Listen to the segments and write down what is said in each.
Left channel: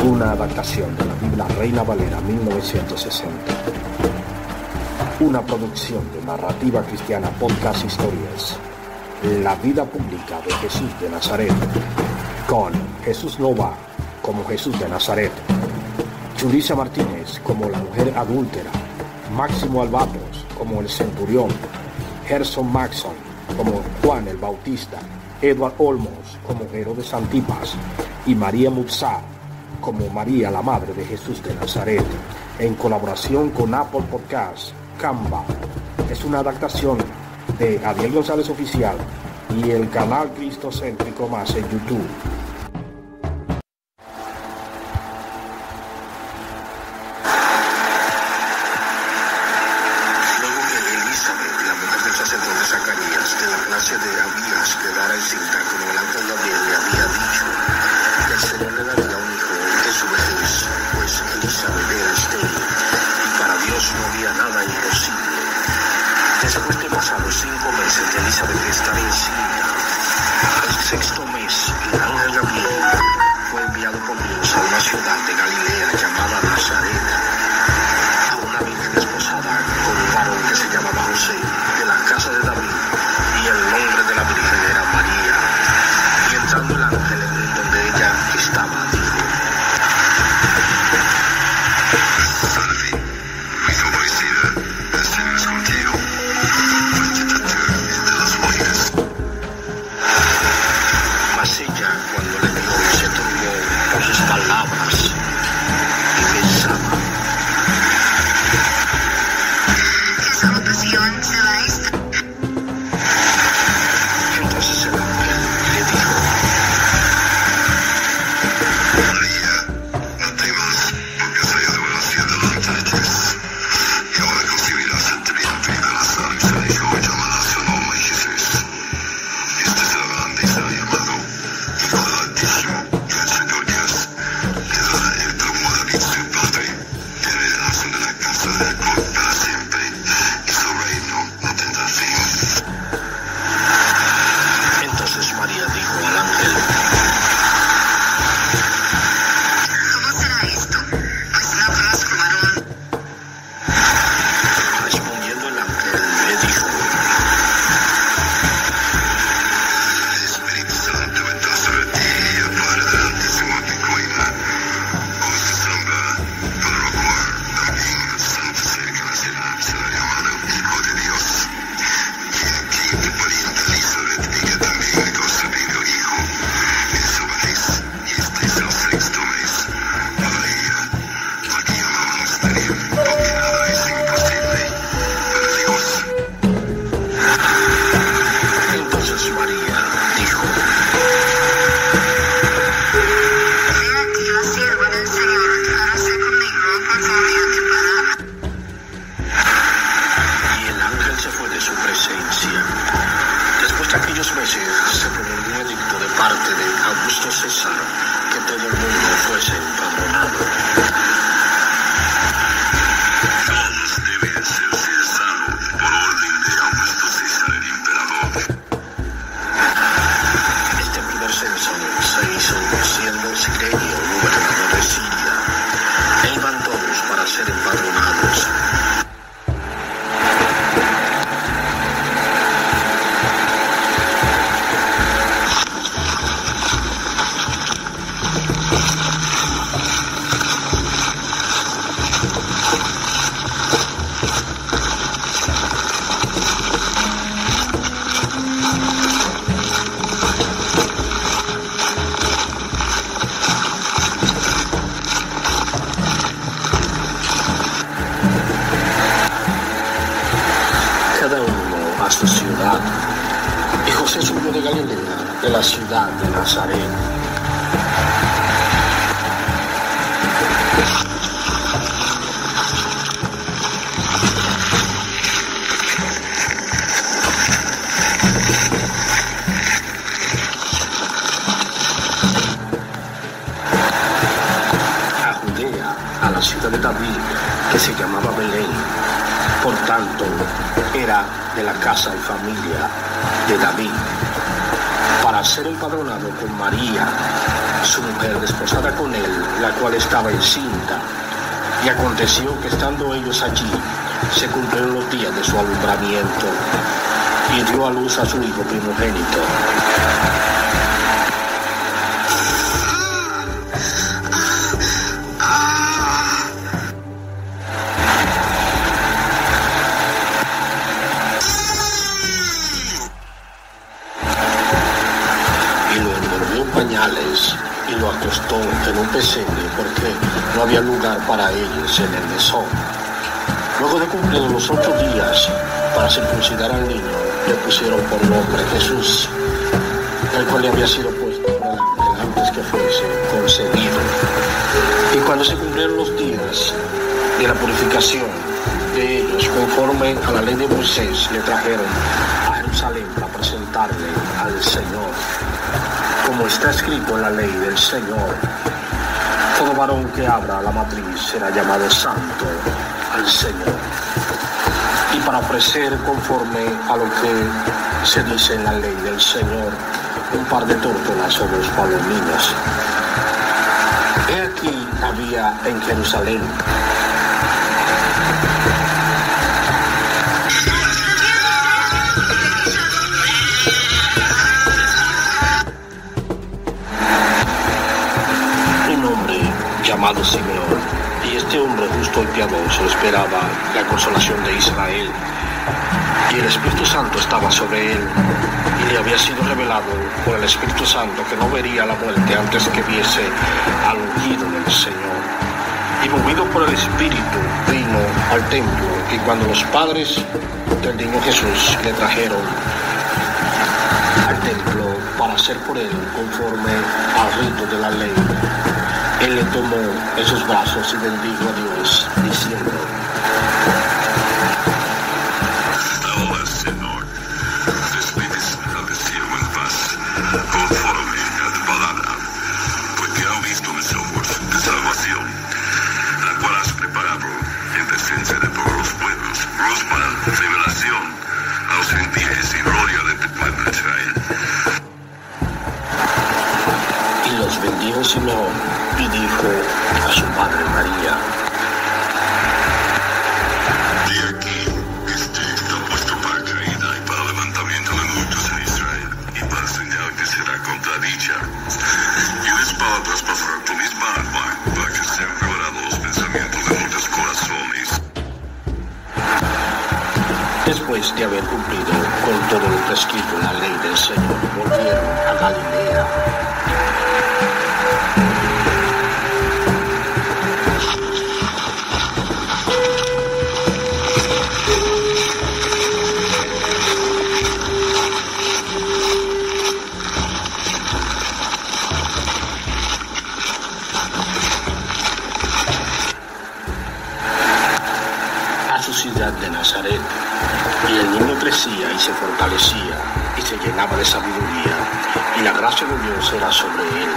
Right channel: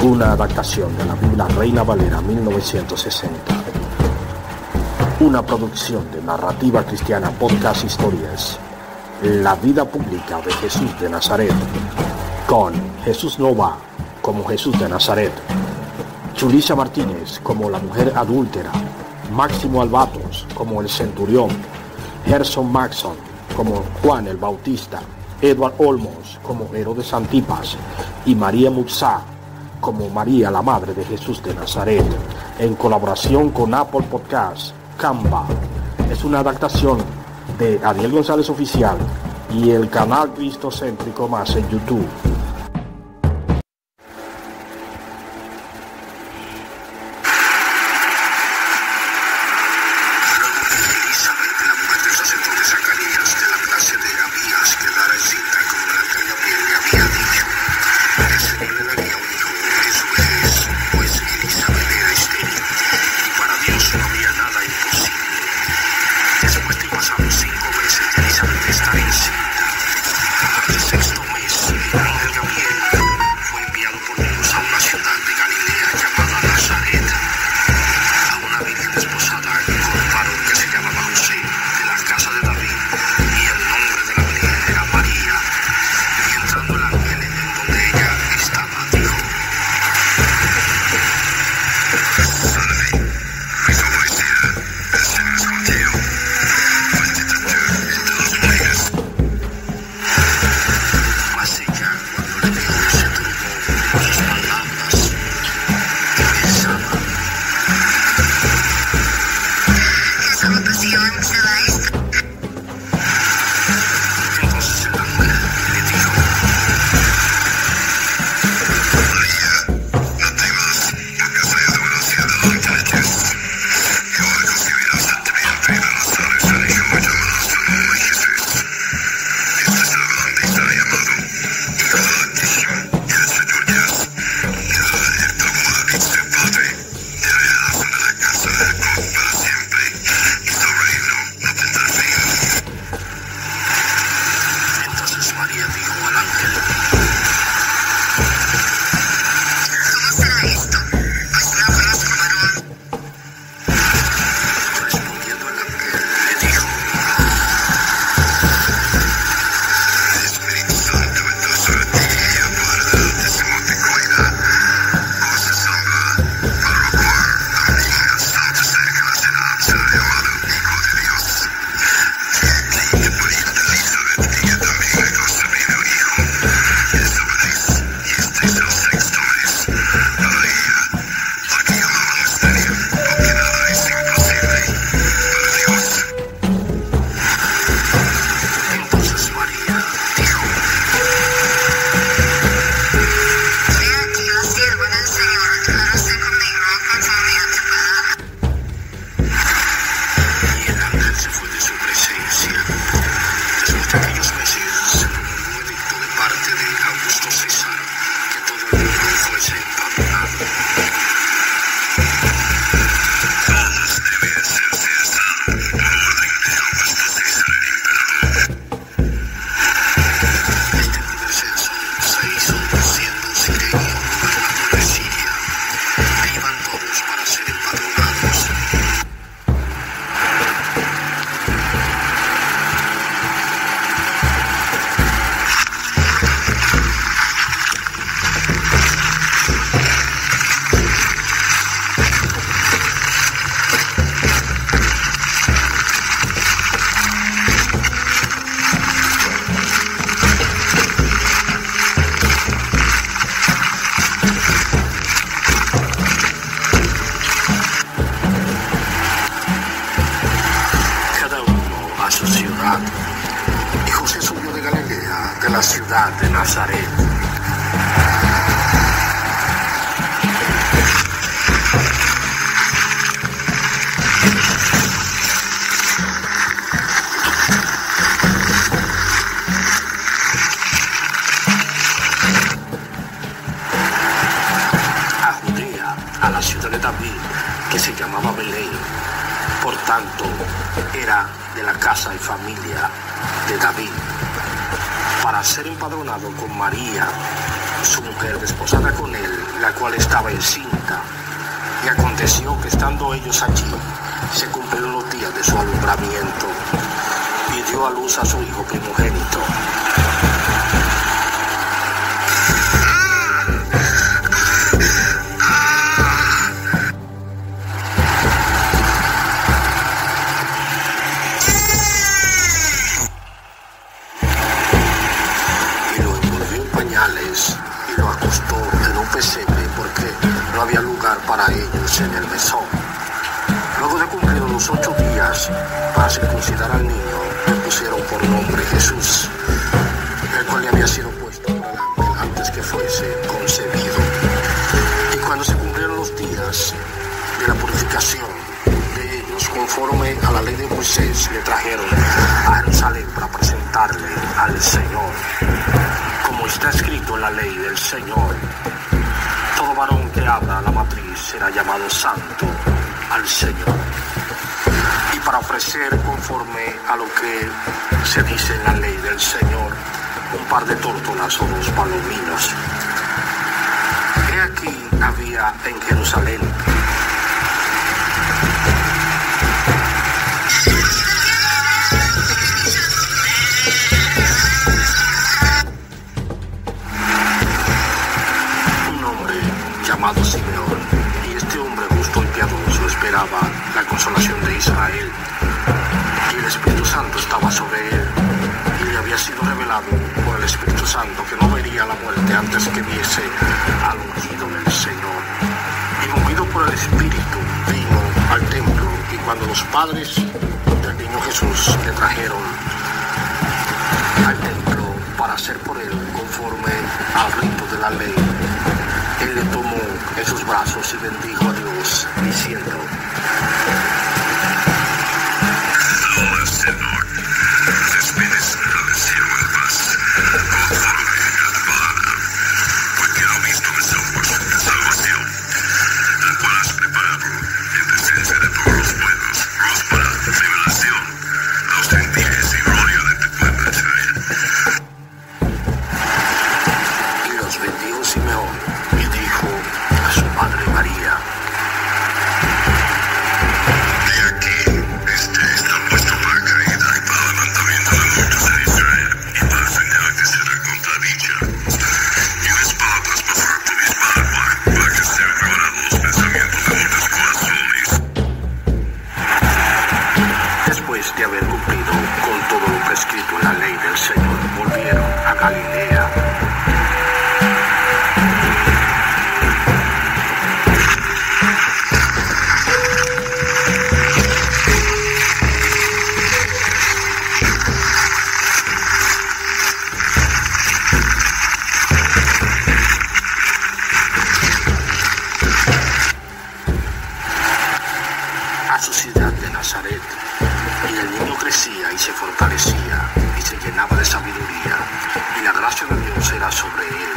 Una adaptación de la Biblia Reina Valera 1960. Una producción de Narrativa Cristiana Podcast Historias. La vida pública de Jesús de Nazaret, con Jesús Nova como Jesús de Nazaret, Julissa Martínez como la mujer adúltera, Máximo Albatos como el centurión, Gerson Maxson como Juan el Bautista, Edward Olmos como Herodes Antipas y María Muxá como María, la madre de Jesús de Nazaret, en colaboración con Apple Podcasts. Canva es una adaptación de Adiel González Oficial y el canal Cristocéntrico Más en YouTube. Luego que Elizabeth, la mujer del sacerdote Zacarías, de la clase de Abías, quedara encinta, como el ángel Gabriel le había dicho, el Señor le daría un hijo en su vejez, pues Elizabeth era estéril, y para Dios no había nada imposible. Después de pasados 5 meses de Elizabeth estar encinta, al sexto mes, el ángel Gabriel fue enviado por Dios a una ciudad de Galilea llamada Nazaret, a una virgen desposada con un varón que se llamaba José, de la casa de David, y el nombre de la virgen era María. Y entrando el ángel en donde ella estaba, dijo: Salve, muy favorecida, el Señor es contigo, bendita tú entre las mujeres. Mas ella, cuando le vio, se turbó por sus palabras y pensaba: ¿qué salutación será esta? Entonces el ángel le dijo: María, no temas, porque soy adoración delante de Dios. Y ahora concebirás ante mi vida Nazaret, y será hijo, y llamarás su nombre Jesús. Este será grande y será llamado Hijo del Altísimo, y el Señor Dios le dará el trono de David su padre, y reinará sobre la casa de Jacob para siempre, y su reino no tendrá fin. Entonces María dijo al ángel: ¿cómo será esto? Pues no conozco varón. Respondiendo el ángel le dijo: el Espíritu Santo vendrá sobre ti, y el Padre del Altísimo te cuidará. Por esa sombra, para lo cual también el santo ser que nacerá será llamado Hijo de Dios. Y aquí tu pariente Elizabeth, ella también ha concebido hijo en su vejez, y este es el sexto mes para ella, la que llamaban estéril, porque nada es imposible para Dios. Entonces María dijo: He aquí la sierva del Señor, hágase conmigo conforme a tu palabra. Y el ángel se fue de su presencia. Después de aquellos meses se promulgó un edicto de parte de Augusto César que todo el mundo fuese empadronado. Todos debían ser ciudadanos por orden de Augusto César el emperador. Este primer censo se hizo siendo Cirenio gobernador de Siria. de la ciudad de Nazaret. A la ciudad de David, que se llamaba Belén, por tanto era de la casa y familia de David, para ser empadronado con María, su mujer, desposada con él, la cual estaba encinta. Y aconteció que estando ellos allí, se cumplieron los días de su alumbramiento, y dio a luz a su hijo primogénito. Y lo acostó en un pesebre porque no había lugar para ellos en el mesón. Luego de cumplidos los 8 días para circuncidar al niño, le pusieron por nombre Jesús, el cual le había sido puesto en el ángel antes que fuese concebido. Y cuando se cumplieron los días de la purificación de ellos, conforme a la ley de Moisés, le trajeron a Jerusalén para presentarle al Señor. Como está escrito en la ley del Señor, todo varón que abra la matriz será llamado santo al Señor. Y para ofrecer conforme a lo que se dice en la ley del Señor, un par de tórtolas o 2 palomillos. He aquí había en Jerusalén llamado Simeón, y este hombre justo y piadoso esperaba la consolación de Israel, y el Espíritu Santo estaba sobre él, y le había sido revelado por el Espíritu Santo que no vería la muerte antes que viese al ungido del Señor. Y movido por el Espíritu vino al templo, y cuando los padres del niño Jesús le trajeron al templo para hacer por él conforme al rito de la ley, él le tomó en sus brazos y bendijo a Dios, diciendo: Ahora, Señor, despides al cielo en paz, conforme a tu palabra, porque has visto mi salvación, la cual has preparado en presencia de todos los pueblos, luz para revelación a los gentiles y gloria de tu pueblo Israel. Y los bendijo Simeón, y dijo a su madre María: He aquí, está puesto para caída y para levantamiento de muchos en Israel, y para señal que será contradicha. Y una espada traspasarte misma alma, para que sean revelados los pensamientos de muchos corazones. Después de haber cumplido con todo lo prescrito en la ley del Señor, volvieron a Galilea. Ciudad de Nazaret, y el niño crecía y se fortalecía y se llenaba de sabiduría, y la gracia de Dios era sobre él.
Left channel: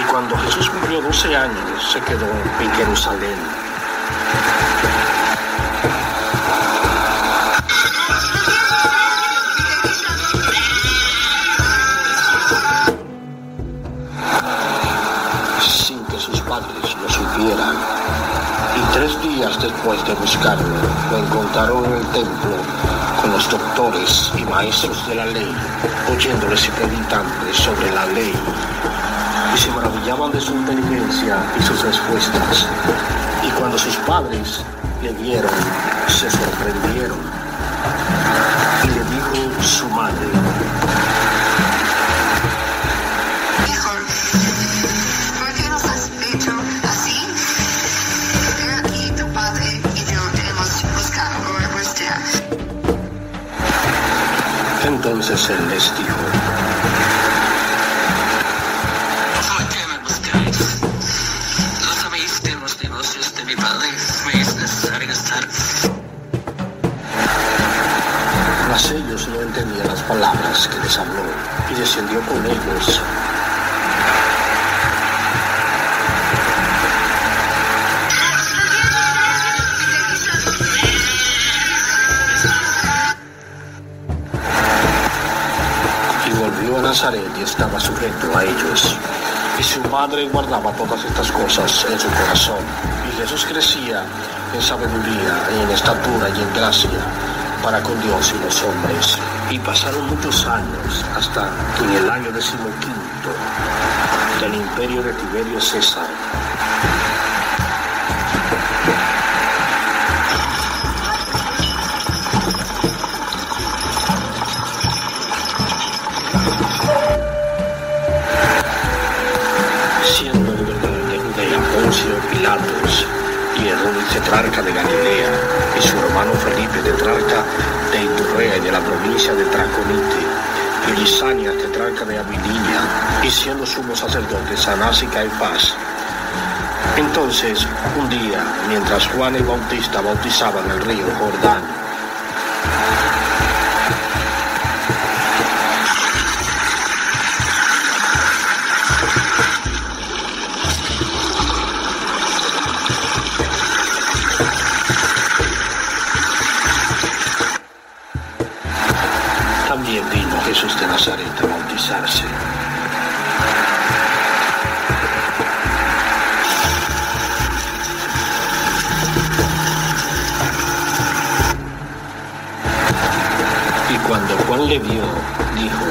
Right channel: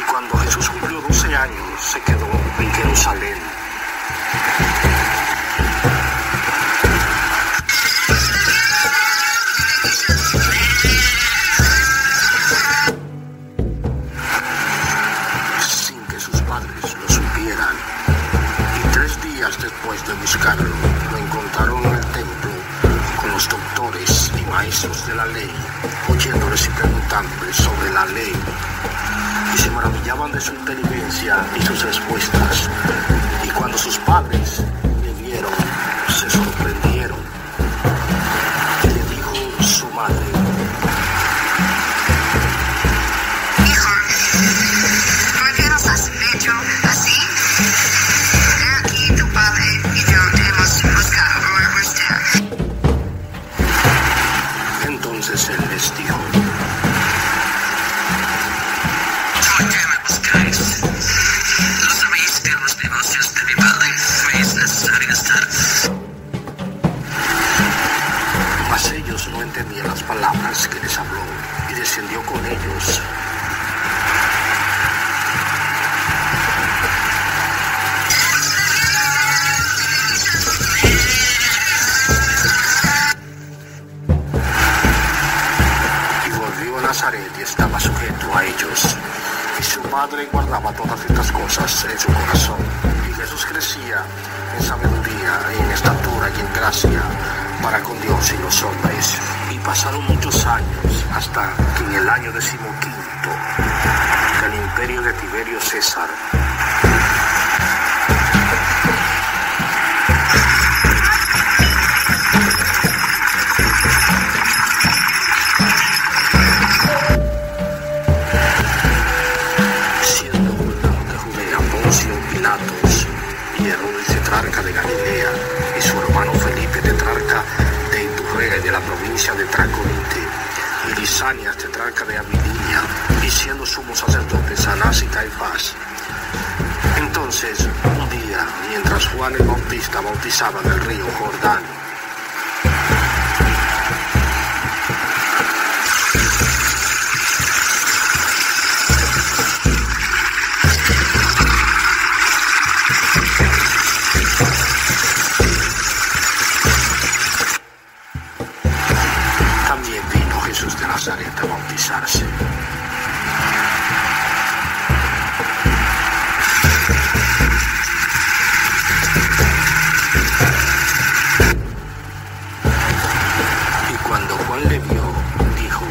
Y cuando Jesús cumplió 12 años, se quedó en Jerusalén. Sin que sus padres lo supieran. 3 días después de buscarlo, lo encontraron en el templo con los doctores y maestros de la ley, oyéndoles y preguntándoles sobre la ley, y se maravillaban de su inteligencia y sus respuestas. Y cuando sus padres le vieron, se sorprendieron. Y le dijo su madre: Entonces él les dijo: espacios de mi padre, me es necesario estar. Mas ellos no entendían las palabras que les habló, y descendió con ellos. Y volvió a Nazaret y estaba sujeto a ellos. Y su madre guardaba todas estas cosas en su corazón. Y Jesús crecía en sabiduría, en estatura y en gracia para con Dios y los hombres. Y pasaron muchos años hasta que en el año 15 del imperio de Tiberio César, siendo gobernador de Judea Poncio Pilatos y Herodes tetrarca de Galilea y su hermano Felipe tetrarca de Iturrea y de la provincia de Traconite, y Lisania tetrarca de Abilinia, y siendo sumos sacerdotes Anás y Caifás. Entonces, un día, mientras Juan el Bautista bautizaba en el río Jordán, también vino Jesús de Nazaret a bautizarse. Y cuando Juan le vio, dijo:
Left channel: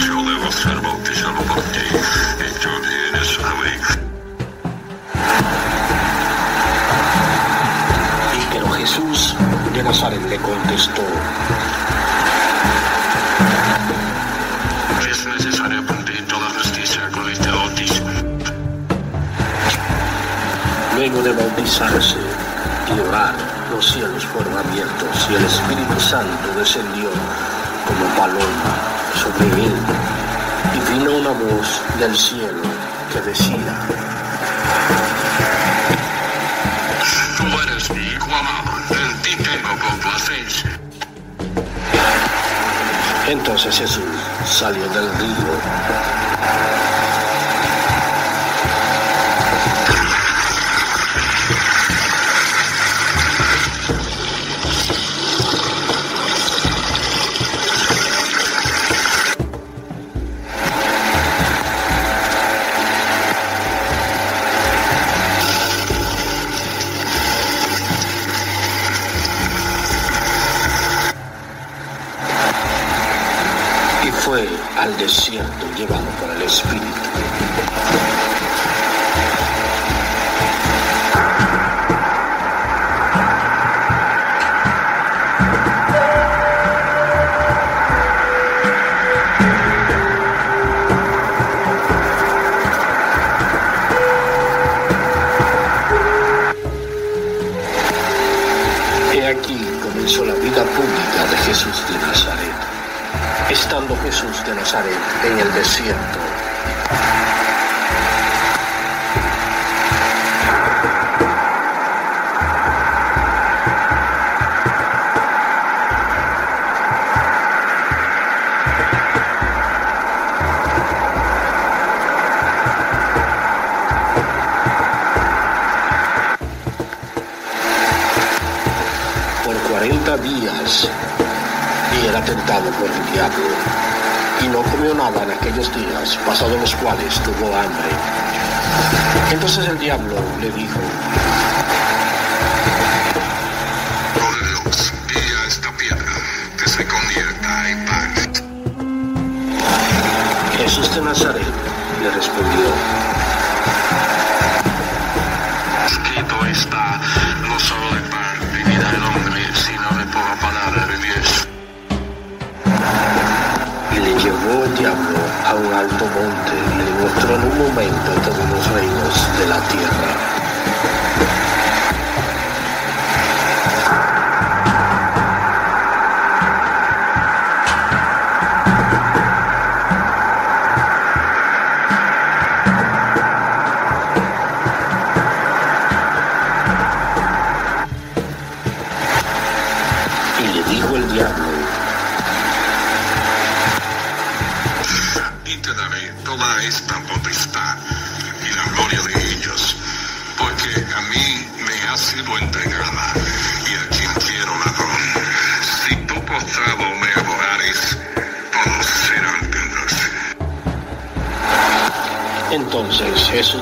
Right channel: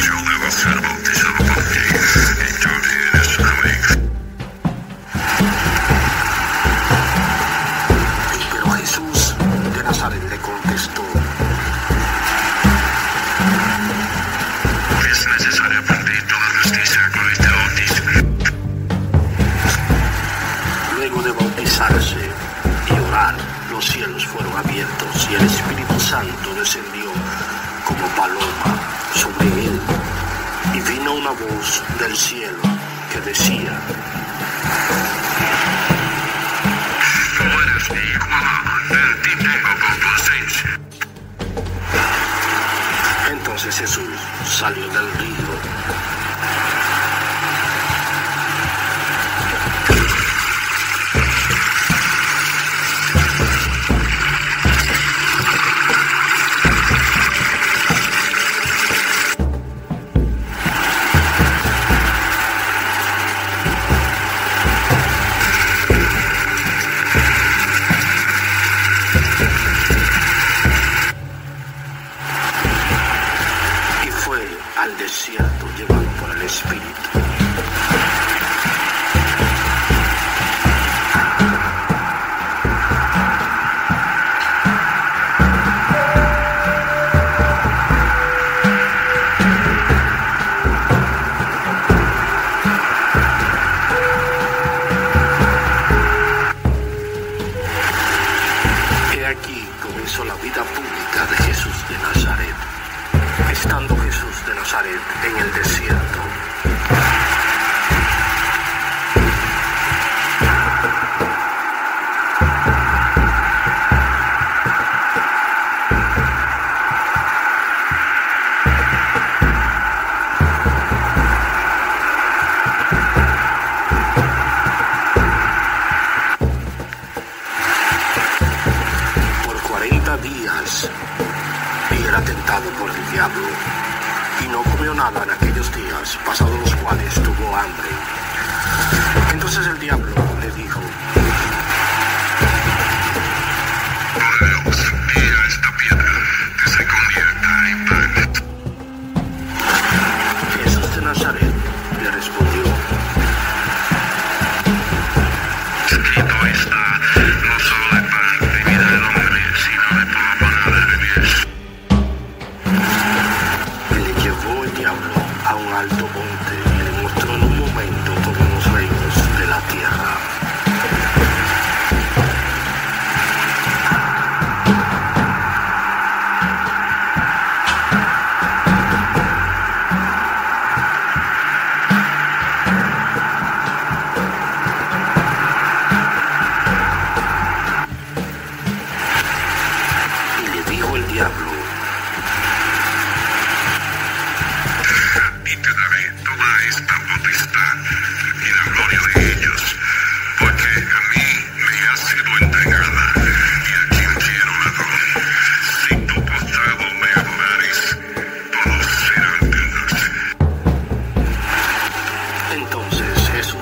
Yo debo ser bautizado por ti, y tú vienes a mí. Pero Jesús de Nazaret le contestó: Es necesario para ti toda justicia con este bautismo. Luego de bautizarse y orar, los cielos fueron abiertos y el Espíritu Santo descendió como paloma sobre él. Y vino una voz del cielo que decía: Tú eres mi hijo amado, en ti tengo complacencia. Entonces Jesús salió del río y fue al desierto llevado por el Espíritu. He aquí comenzó la vida pública de Jesús de Nazaret. Estando Jesús de Nazaret en el desierto, por 40 días, y era tentado por el diablo, y no comió nada en aquellos días, pasados los cuales tuvo hambre. Entonces el diablo le dijo: Por Dios, di a esta piedra que se convierta en pan. Jesús de Nazaret le respondió: Escrito está, no solo de pan vivirá el hombre, sino de toda palabra de Dios. Y le llevó el diablo a un alto monte y le mostró en un momento todos los reinos de la tierra.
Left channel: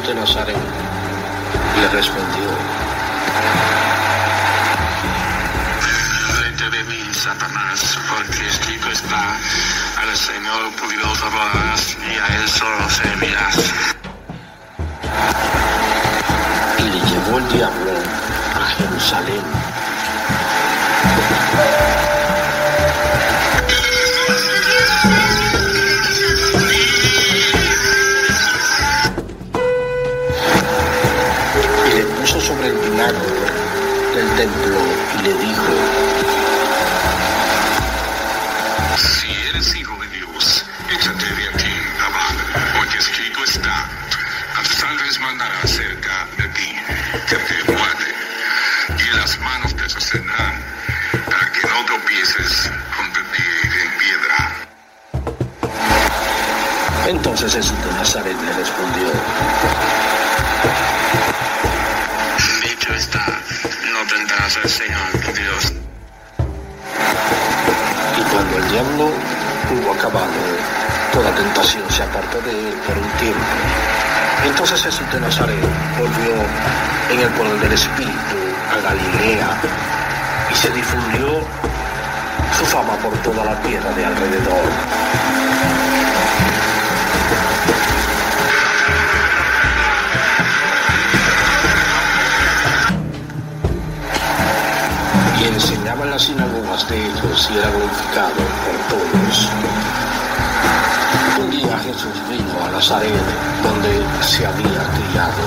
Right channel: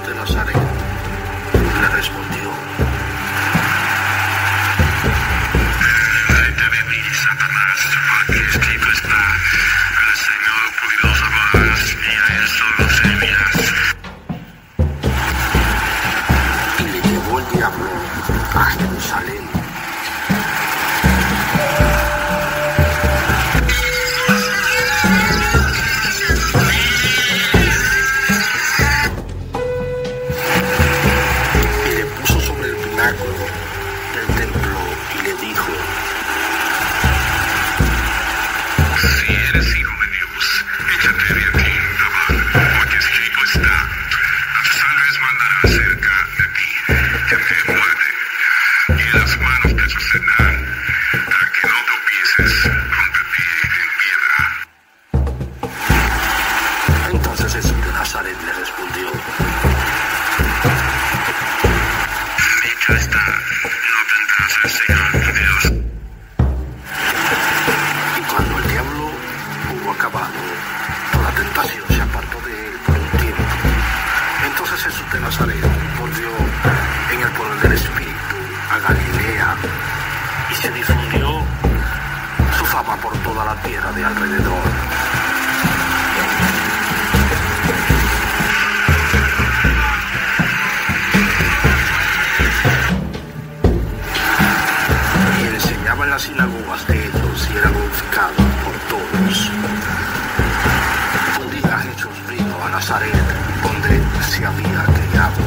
Jesús de Nazaret le respondió: Vete de mí, Satanás, porque escrito está: al Señor tu Dios adorarás y a Él solo servirás. Y le llevó el diablo a Jerusalén. Y le puso sobre el pináculo del templo y le dijo: Si eres hijo de Dios, échate de aquí abajo, porque escrito está: a tus ángeles mandará cerca de ti, que te guarden, y en las manos te sostenerán, para que no tropieces con tu pie en piedra. Entonces Jesús de Nazaret le respondió: Dicho está, no tentarás al Señor tu Dios. Y cuando el diablo hubo acabado toda tentación, se apartó de él por un tiempo. Entonces Jesús de Nazaret volvió en el poder del Espíritu a Galilea, y se difundió su fama por toda la tierra de alrededor. Y enseñaba en las sinagogas de ellos y era glorificado por todos. Un día Jesús vino a Nazaret, donde se había criado.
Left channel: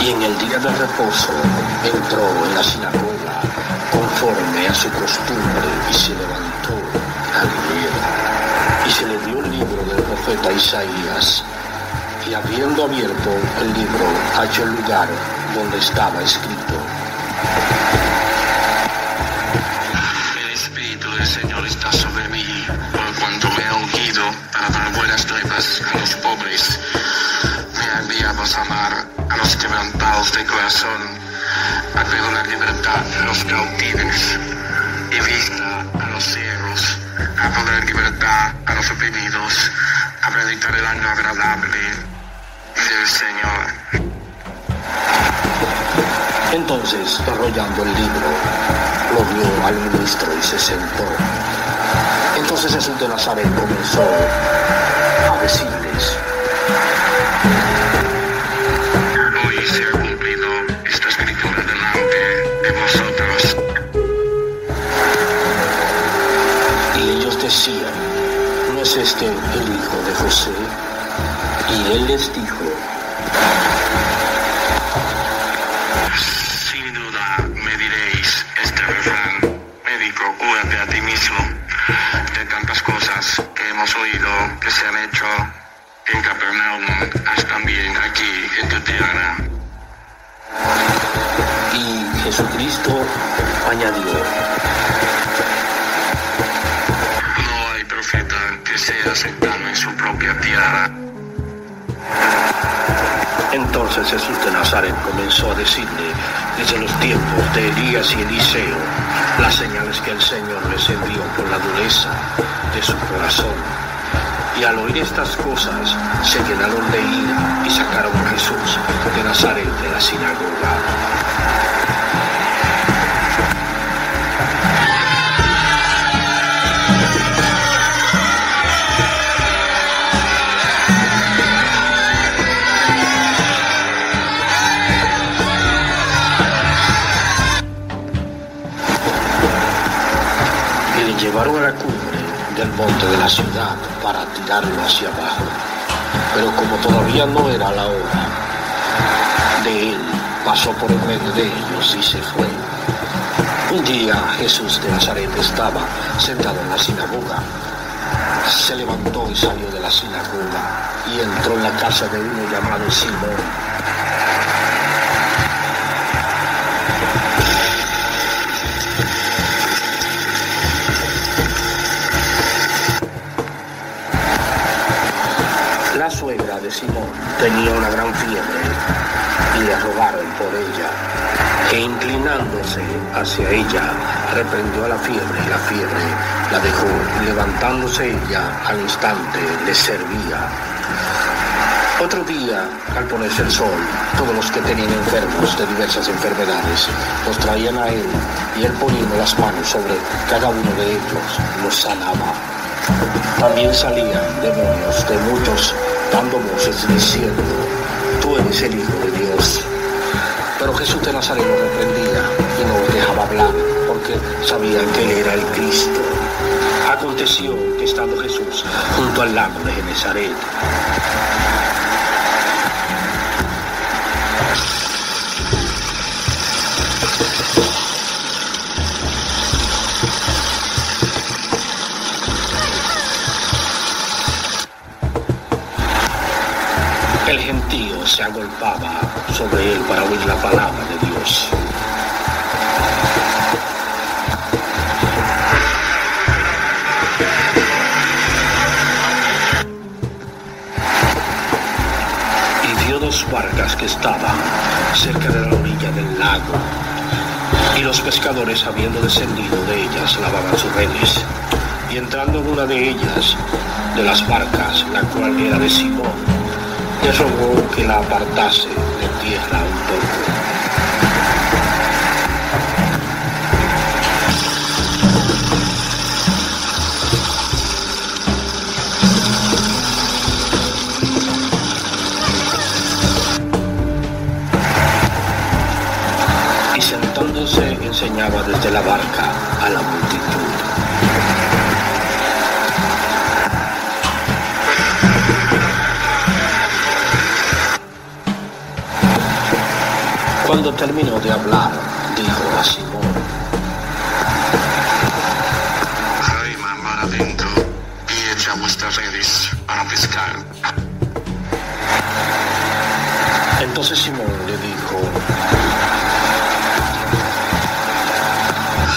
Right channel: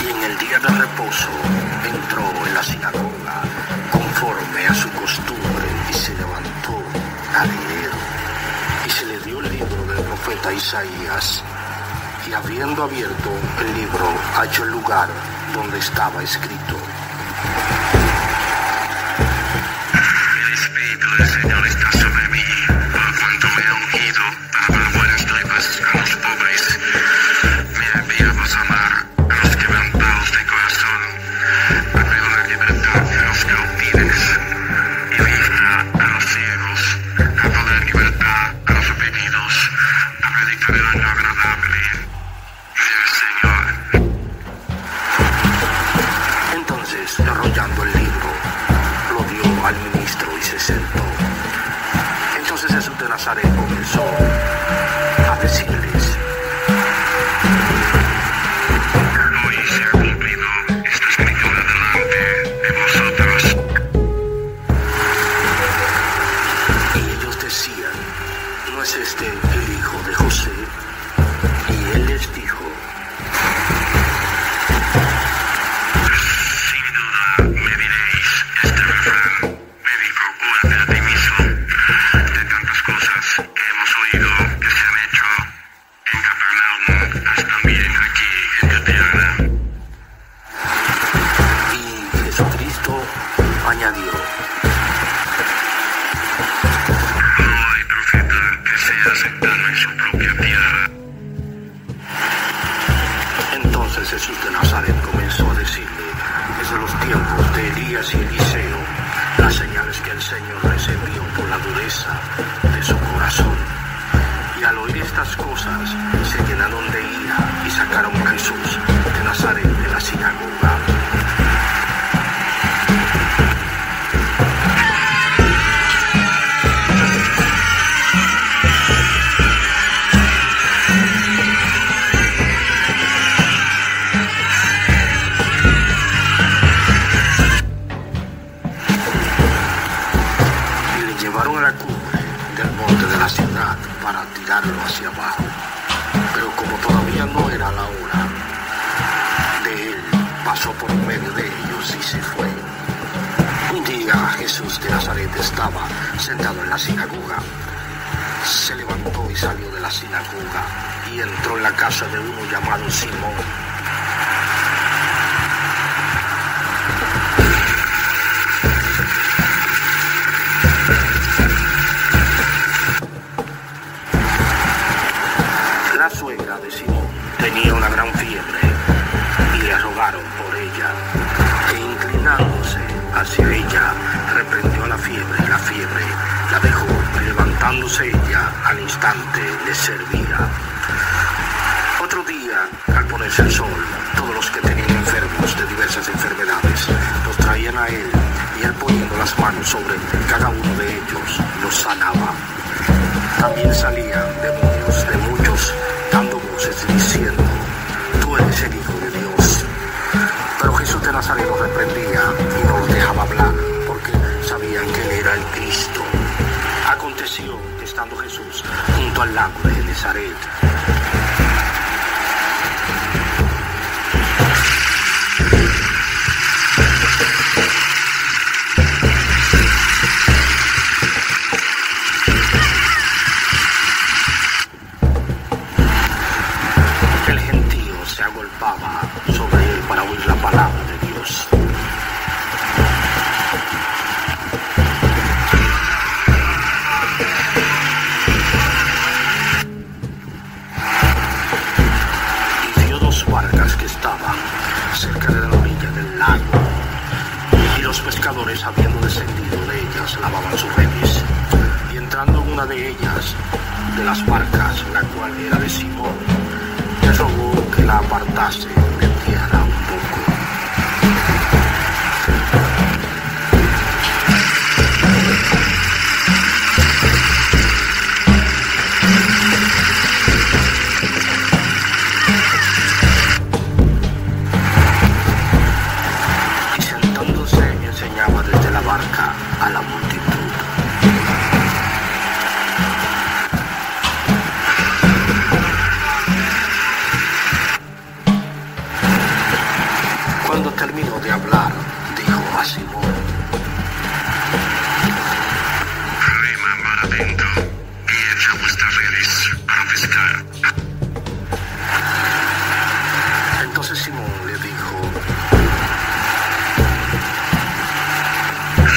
Y en el día del reposo entró en la sinagoga conforme a su costumbre y se levantó a leer. Y se le dio el libro del profeta Isaías. Y habiendo abierto el libro, halló el lugar donde estaba escrito: El Espíritu del Señor está sobre mí, por cuanto me ha ungido para dar buenas nuevas a los pobres. Me ha enviado a sanar a los quebrantados de corazón, a pedir libertad a los cautivos y vista a los ciegos, a poner libertad a los oprimidos, a predicar el año agradable del Señor. Entonces, enrollando el libro, lo dio al ministro y se sentó. Entonces Jesús de Nazaret comenzó a decirles: Hoy se ha cumplido esta escritura delante de vosotros. Y ellos decían: ¿no es este el hijo de José? Y él les dijo: Sin duda me diréis este refrán: médico, cúrate a ti mismo. De tantas cosas que hemos oído que se han hecho en Capernaum, haz también aquí en tu tierra. Y Jesucristo añadió: No hay profeta que sea aceptado en su propia tierra. Entonces Jesús de Nazaret comenzó a decirle desde los tiempos de Elías y Eliseo las señales que el Señor les envió por la dureza de su corazón. Y al oír estas cosas se llenaron de ira y sacaron a Jesús de Nazaret de la sinagoga. Llevaron a la cumbre del monte de la ciudad para tirarlo hacia abajo, pero como todavía no era la hora de él, pasó por medio de ellos y se fue. Un día Jesús de Nazaret estaba sentado en la sinagoga. Se levantó y salió de la sinagoga y entró en la casa de uno llamado Simón. La suegra de Simón tenía una gran fiebre y le rogaron por ella que inclinara acercarse hacia ella, reprendió a la fiebre y la fiebre la dejó. Levantándose ella, al instante le servía. Otro día, al ponerse el sol, todos los que tenían enfermos de diversas enfermedades los traían a él, y él, poniendo las manos sobre cada uno de ellos, los sanaba. También salían demonios de muchos, dando voces diciendo: tú eres el Hijo de Dios. Pero Jesús de Nazaret los reprendía y no los dejaba hablar, porque sabían que él era el Cristo. Aconteció que, estando Jesús junto al lago de Genesaret, el gentío se agolpaba sobre él para oír la palabra de Dios. Y vio dos barcas que estaban cerca de la orilla del lago, y los pescadores, habiendo descendido de ellas, lavaban sus redes. Y entrando en una de ellas, de las barcas, la cual era de Simón, le rogó que la apartase de tierra un poco. Y sentándose enseñaba desde la barca a la multitud. Cuando terminó de hablar, dijo a Simón: rema adentro y echa vuestras redes para pescar. Entonces Simón le dijo:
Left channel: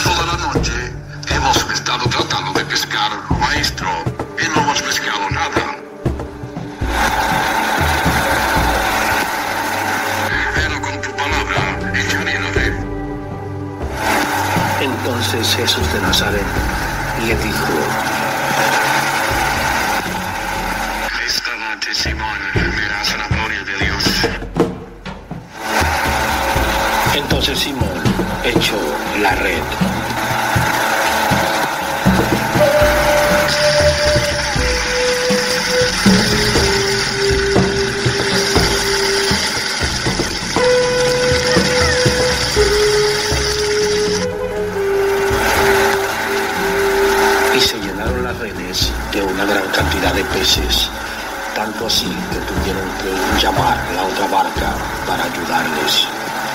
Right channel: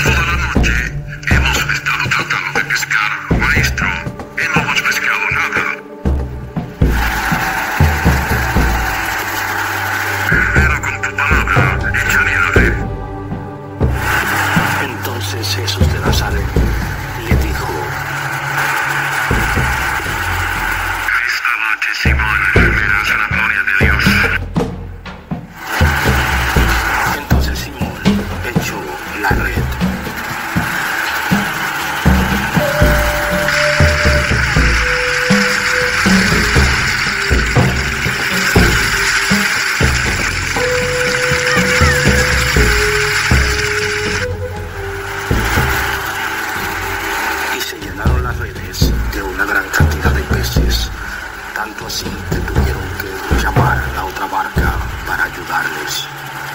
toda la noche hemos estado tratando de pescar, maestro, y no hemos pescado nada. Pero con tu palabra echaré la red. Entonces Jesús de Nazaret le dijo: Esta noche, Simón, verás la gloria de Dios. Entonces Simón echó la red. Y se llenaron las redes de una gran cantidad de peces, tanto así que tuvieron que llamar a la otra barca para ayudarles.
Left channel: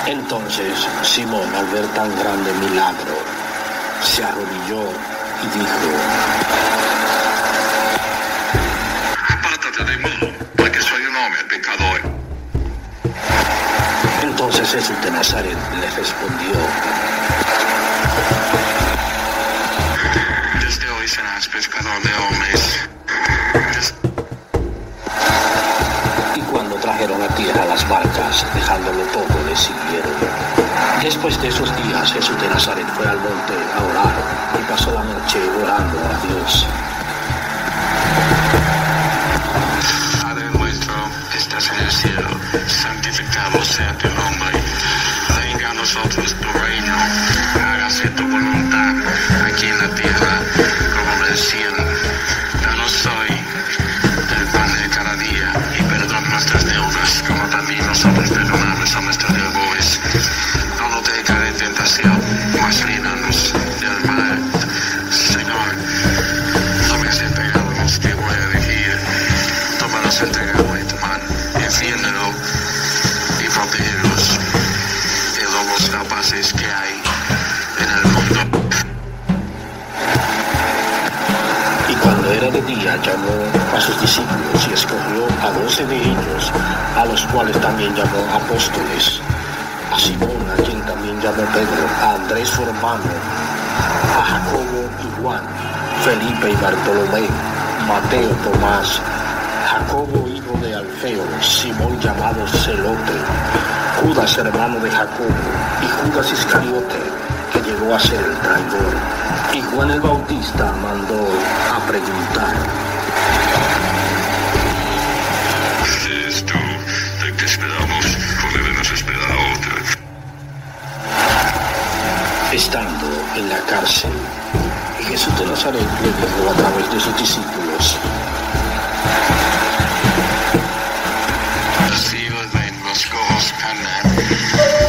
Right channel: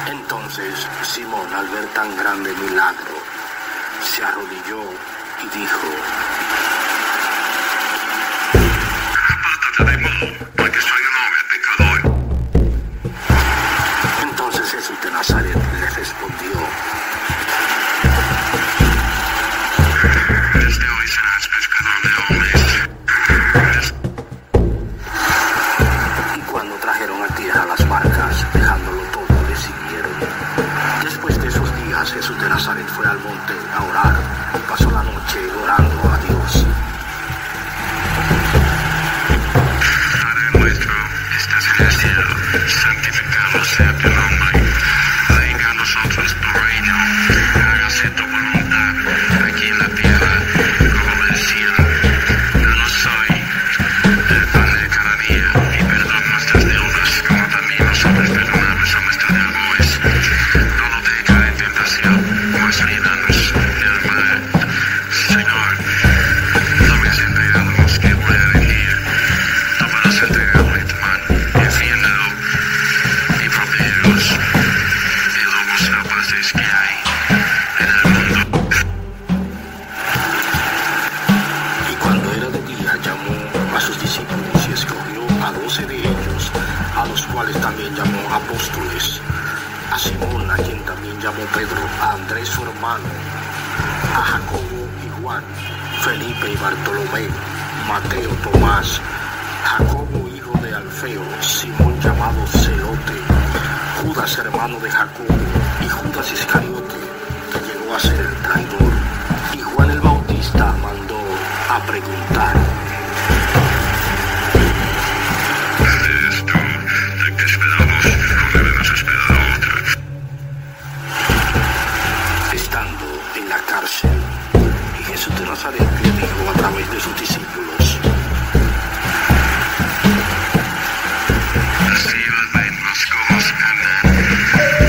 Entonces Simón, al ver tan grande milagro, se arrodilló y dijo: Apártate de mí, porque soy un hombre pecador. Entonces Jesús de Nazaret le respondió: Desde hoy serás pescador de hombres. Y cuando trajeron a tierra las barcas, dejándolo todo, le siguieron. Después de esos días, Jesús de Nazaret fue al monte a orar y pasó la noche orando a Dios. Padre nuestro, estás en el cielo, santificado sea tu nombre. Venga a nosotros tu reino, hágase tu voluntad, aquí en la tierra como en el cielo. Danos hoy el pan de cada día y perdona nuestras deudas, como también nosotros perdonamos a nuestros deudores. No nos dejes caer en tentación, mas líbranos del mal. Señor, también se entregamos que voy a elegir. Tú podrás entregarlo en tu mano, defiéndelo y protégenos de los rapaces que hay en el mundo. Y cuando era de día, llamó a sus discípulos y escogió a 12 de ellos, a los cuales también llamó apóstoles: a Simón, a quien también llamó Pedro, a Andrés su hermano, a Jacobo y Juan, Felipe y Bartolomé, Mateo, Tomás, Jacobo hijo de Alfeo, Simón llamado Celote, Judas Lucas, hermano de Jacobo, y Judas Iscariote, que llegó a ser el traidor. Y Juan el Bautista mandó a preguntar: ¿eres tú el que esperamos o debemos esperar a otro? Estando en la cárcel, Jesús de Nazaret le dijo a través de sus discípulos:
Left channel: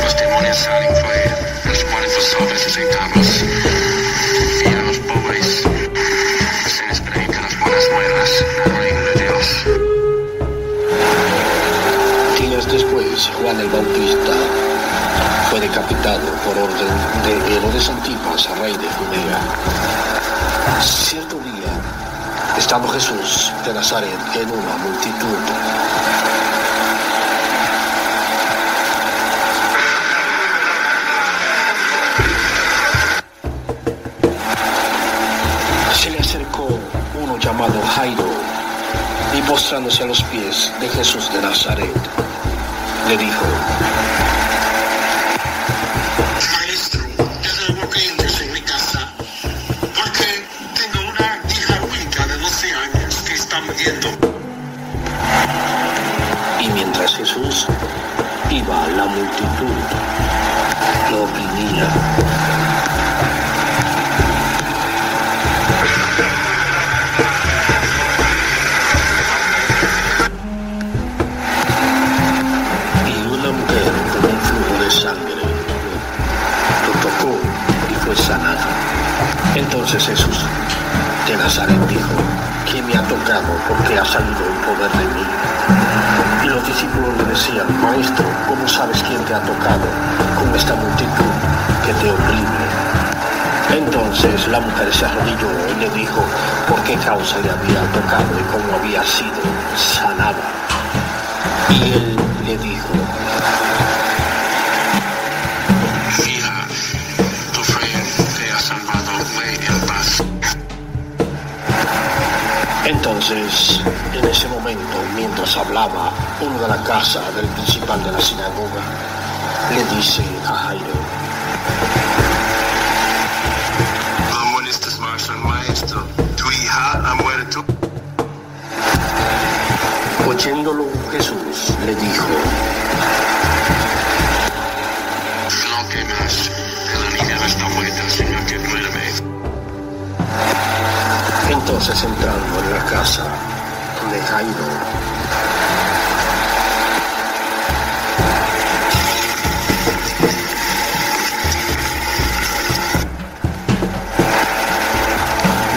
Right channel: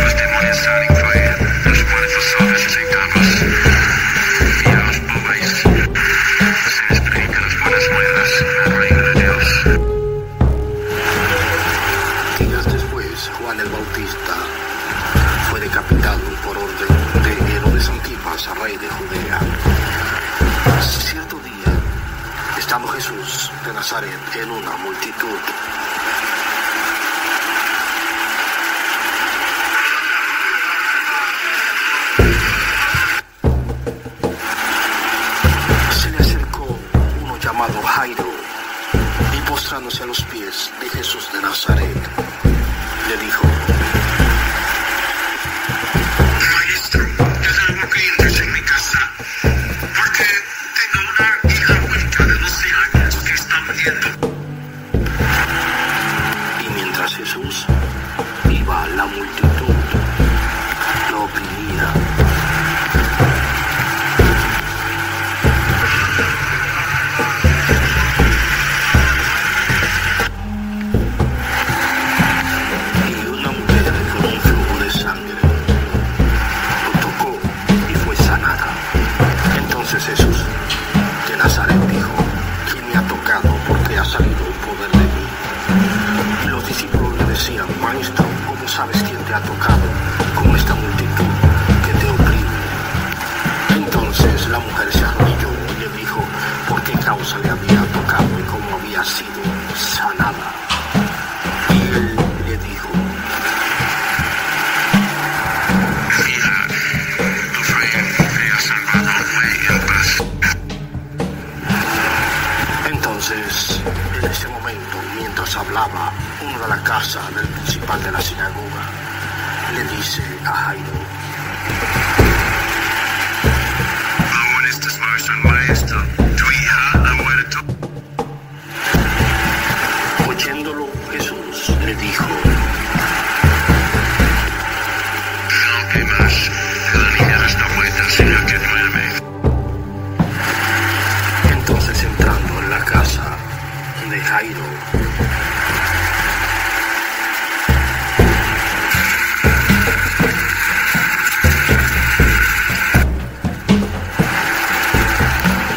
los demonios salen fuera, los ponen sus y engaños, y a los pobres se les predican las buenas nuevas del reino de Dios. Días después, Juan el Bautista fue decapitado por orden de Herodes Antipas, rey de Judea. Cierto día, estando Jesús de Nazaret en una multitud, se le acercó uno llamado Jairo, y postrándose a los pies de Jesús de Nazaret, le dijo: Maestro, te ruego que entres en mi casa, porque tengo una hija única de 12 años que está muriendo. Y mientras Jesús iba, la multitud lo oprimía. Y una mujer con un flujo de sangre lo tocó y fue sanada. Entonces Jesús de Nazaret dijo: ¿quién me ha tocado? Porque ha salido el poder de mí. Y los discípulos le decían: Maestro, ¿cómo sabes quién te ha tocado con esta multitud que te oprime? Entonces la mujer se arrodilló y le dijo por qué causa le había tocado y cómo había sido sanada. Y él le dijo: Hija, tu fe te ha salvado, ve en paz. Entonces, en ese momento, mientras hablaba, uno de la casa del principal de la sinagoga le dice a Jairo: No molestes más al maestro, tu hija ha muerto. Oyéndolo, Jesús le dijo: No temas, la niña no está muerta, sino que duerme. Entonces, entrando en la casa de Jairo,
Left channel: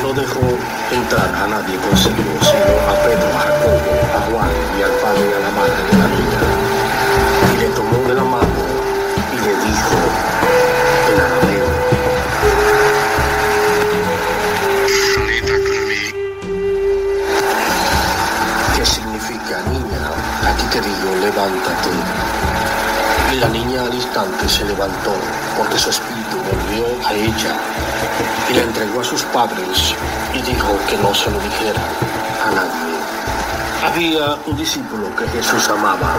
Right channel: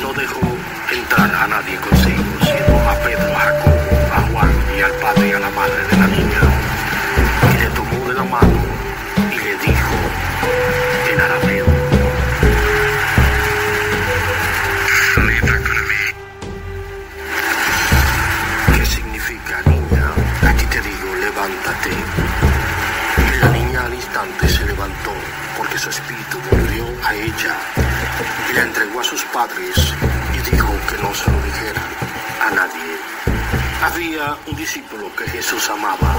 no dejó entrar a nadie consigo, sino a Pedro, a Jacobo, a Juan y al padre y a la madre de la niña. Y le tomó de la mano y le dijo en arameo: ¿qué significa, niña? Aquí te digo, levántate. Y la niña al instante se levantó, porque su espíritu volvió a ella, y la entregó a sus padres y dijo que no se lo dijera a nadie. Había un discípulo que Jesús amaba,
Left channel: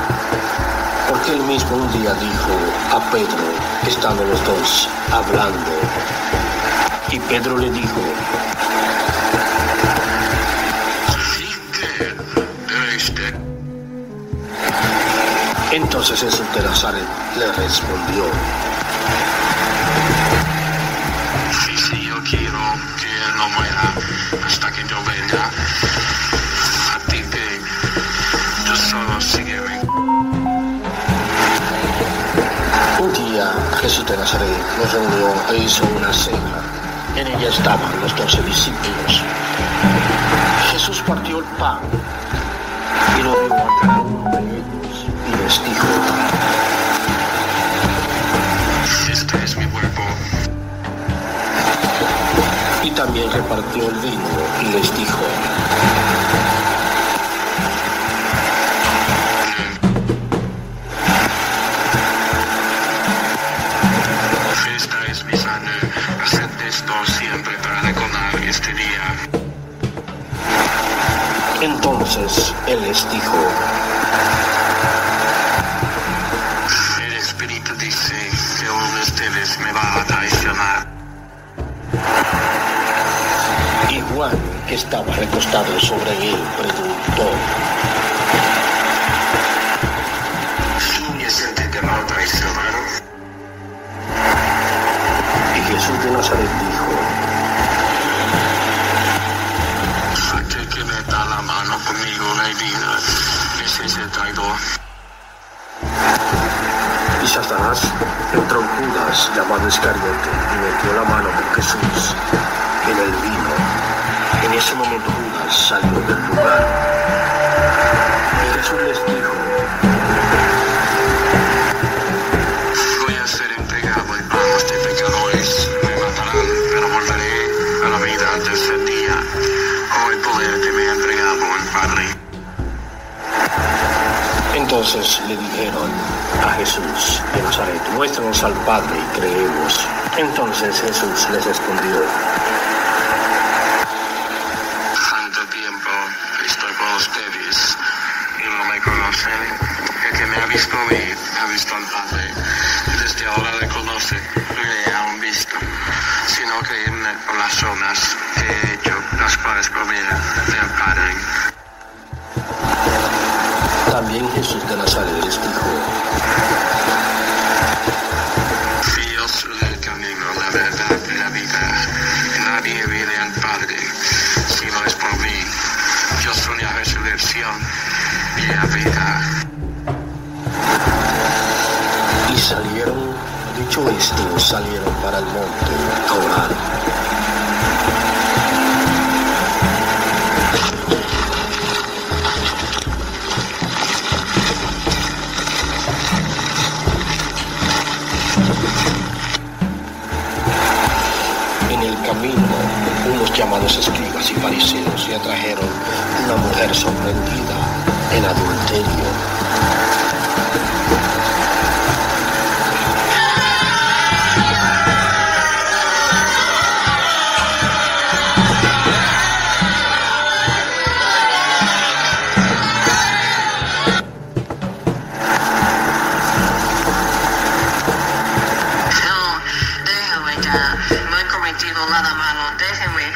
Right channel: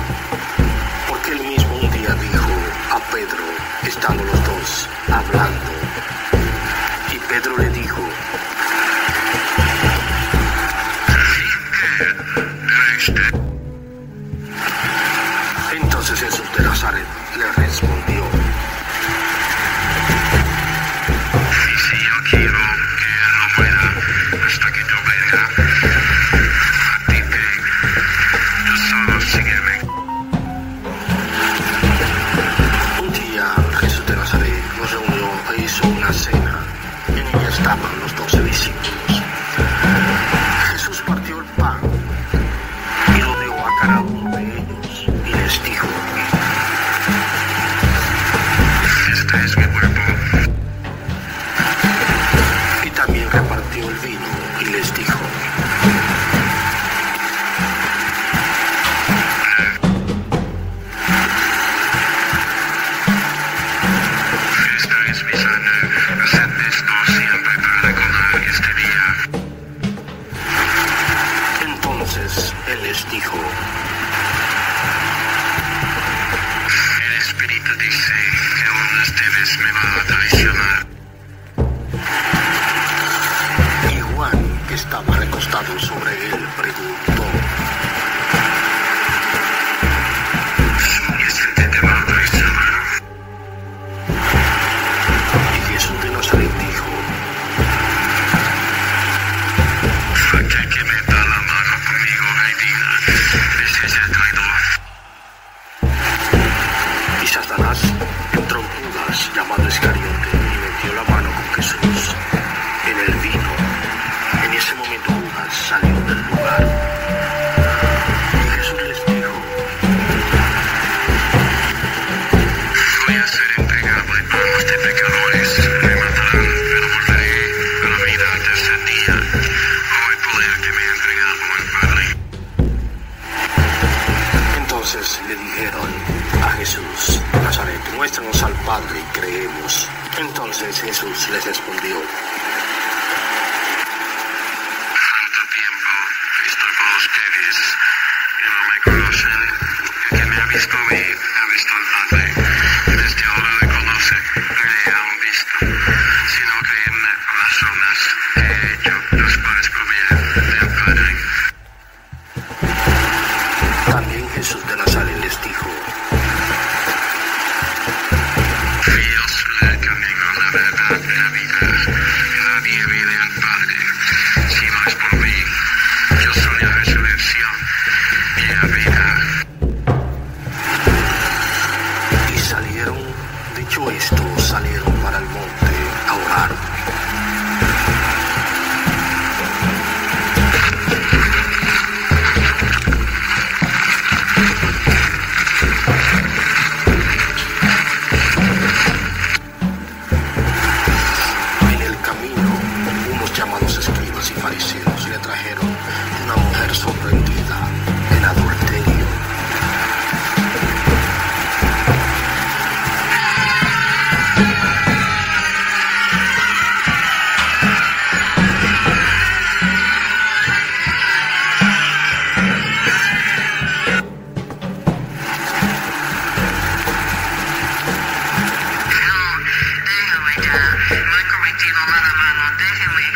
porque él mismo un día dijo a Pedro, estando los dos hablando, y Pedro le dijo: Entonces Jesús de Nazaret le respondió: Si yo quiero que él no muera hasta que yo venga, a ti te, tú solo sígueme. Un día Jesús de Nazaret los reunió e hizo una cena. En ella estaban los 12 discípulos. Jesús partió el pan y lo dio a cada uno de ellos y les dijo: Este es mi cuerpo. Y también repartió el vino y les dijo: Esta es mi sangre, haced esto siempre para recordar este día. Entonces él les dijo: El dice que uno de ustedes me va a traicionar. Y Juan, que estaba recostado sobre él, preguntó: ¿Quién es el que te va a traicionar? Y Jesús de Nazaret dijo: Aquel que me da la mano conmigo, Reina, ese es el traidor. Y Satanás entró en Judas, llamado Iscariote, y metió la mano con Jesús en el vino. En ese momento Judas salió del lugar. Y Jesús les dijo: Voy a ser entregado en manos de pecadores. Me matarán, pero volveré a la vida al tercer día. Con el poder que me ha entregado el Padre. Entonces le dijeron a Jesús de Nazaret: muéstranos al Padre y creemos. Entonces Jesús les respondió: Tanto tiempo que estoy con ustedes y no me conocen. El que me ha visto a mí, ha visto al Padre. Desde ahora le conoce y le han visto. Si no creen con las obras que he hecho, las cuales provienen del Padre. También Jesús de Nazaret les dijo: Yo soy el camino, la verdad y la vida. Nadie viene al Padre si no es por mí. Yo soy la resurrección y la vida. Y salieron, dicho esto, salieron para el monte a orar. En el camino, unos llamados escribas y fariseos le trajeron una mujer sorprendida en adulterio. Déjame ya, no he cometido nada malo, déjame.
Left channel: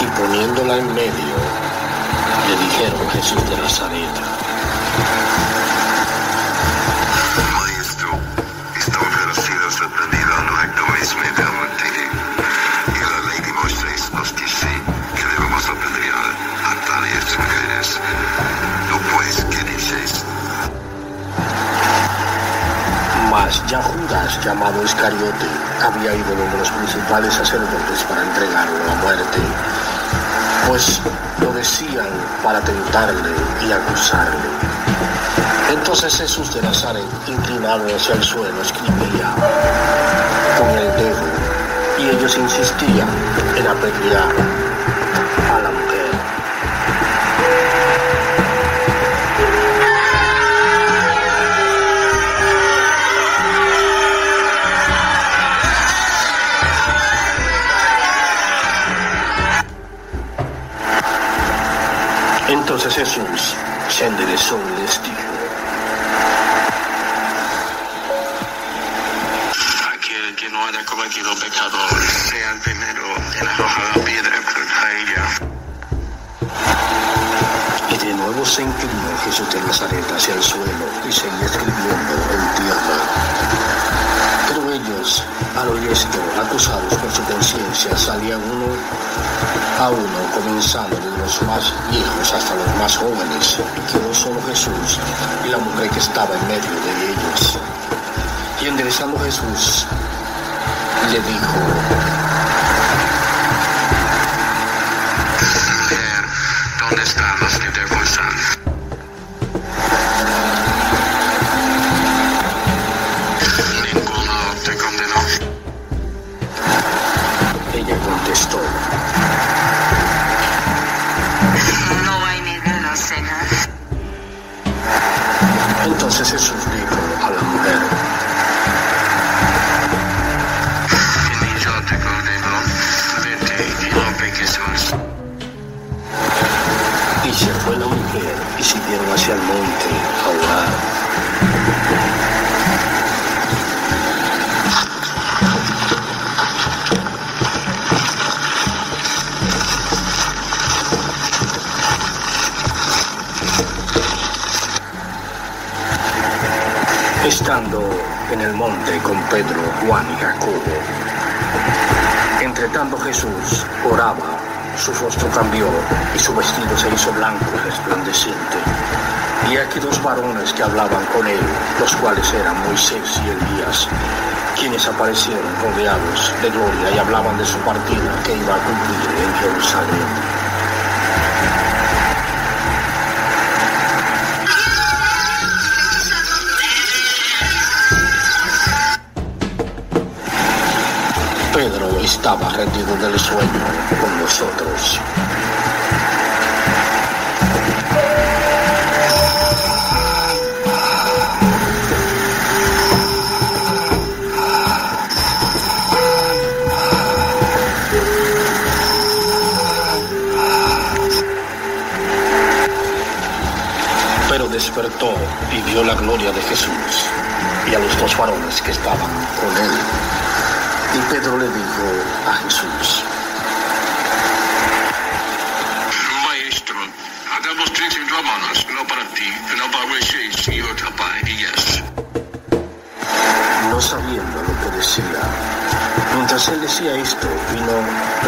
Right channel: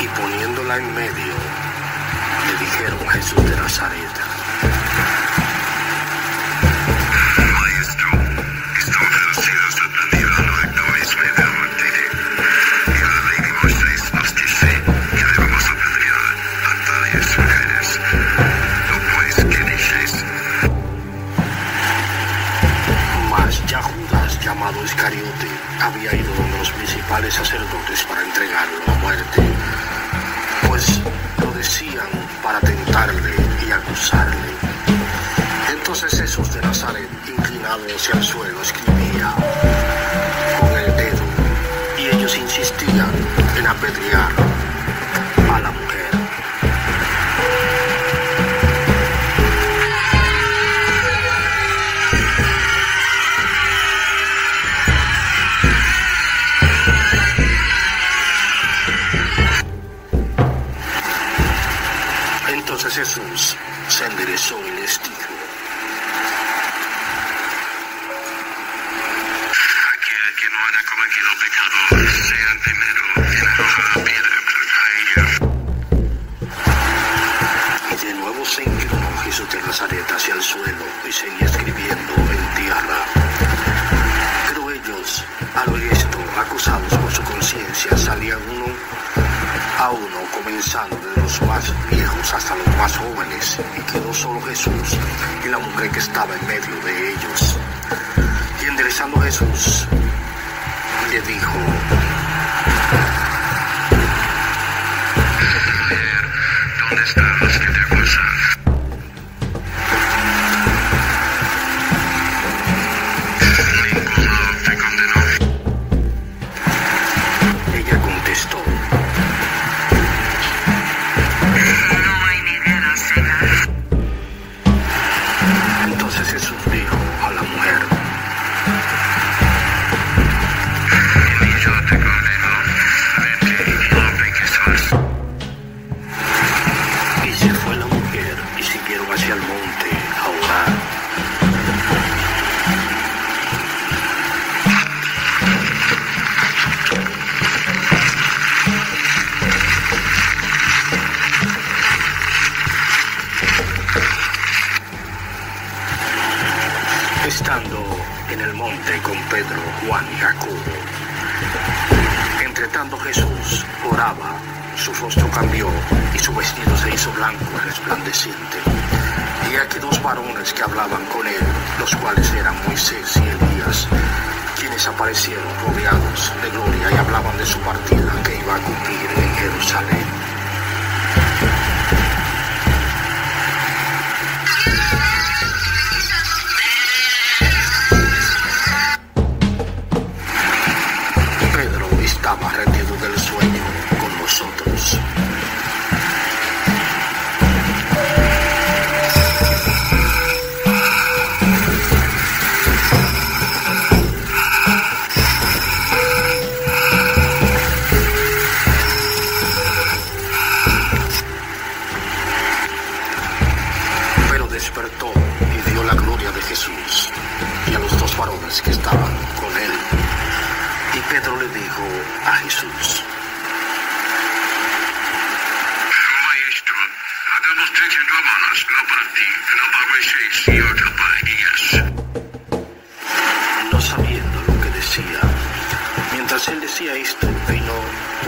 Y poniéndola en medio, le dijeron: Jesús de Nazaret. Maestro, están traducidos de pérdida los actores de adulterio. Y la ley de Moisés nos dice que debemos apedrear a tales mujeres. ¿No pues qué dices? Mas ya Judas, llamado Iscariote, había ido donde los principales sacerdotes para entregarlo a muerte, pues lo decían para tentarle y acusarle. Entonces Jesús de Nazaret, inclinado hacia el suelo, escribía con el dedo, y ellos insistían en apedrear a la mujer. Entonces Jesús se enderezó y les dijo: Aquel que no haya cometido pecado, sea el primero en arrojar la piedra contra ella. Y de nuevo se inclinó Jesús de Nazaret hacia el suelo y seguía escribiendo en tierra. Pero ellos, al oír esto, acusados por su conciencia, salían uno a uno, comenzando desde los más viejos hasta los más jóvenes, y quedó solo Jesús y la mujer que estaba en medio de ellos. Y enderezando Jesús, le dijo: ¿Dónde están los que te acusan? Ninguno te condenó. Ella contestó: No hay ninguna ceja. Entonces Jesús dijo a la mujer: Ni yo te condeno. Vete y no peques más. Y se fue la mujer y siguieron hacia el monte a orar. en el monte con Pedro, Juan y Jacobo. Entre tanto Jesús oraba, su rostro cambió y su vestido se hizo blanco y resplandeciente. Y aquí dos varones que hablaban con él, los cuales eran Moisés y Elías, quienes aparecieron rodeados de gloria y hablaban de su partida que iba a cumplir en Jerusalén. Pedro estaba rendido del sueño con nosotros. Pero despertó y vio la gloria de Jesús y a los dos varones que estaban con él. Y Pedro le dijo a Jesús: Maestro, hagamos 3 hermanos, no para ti, no para Moisés y otro para Elías. No sabiendo lo que decía. Mientras él decía esto, vino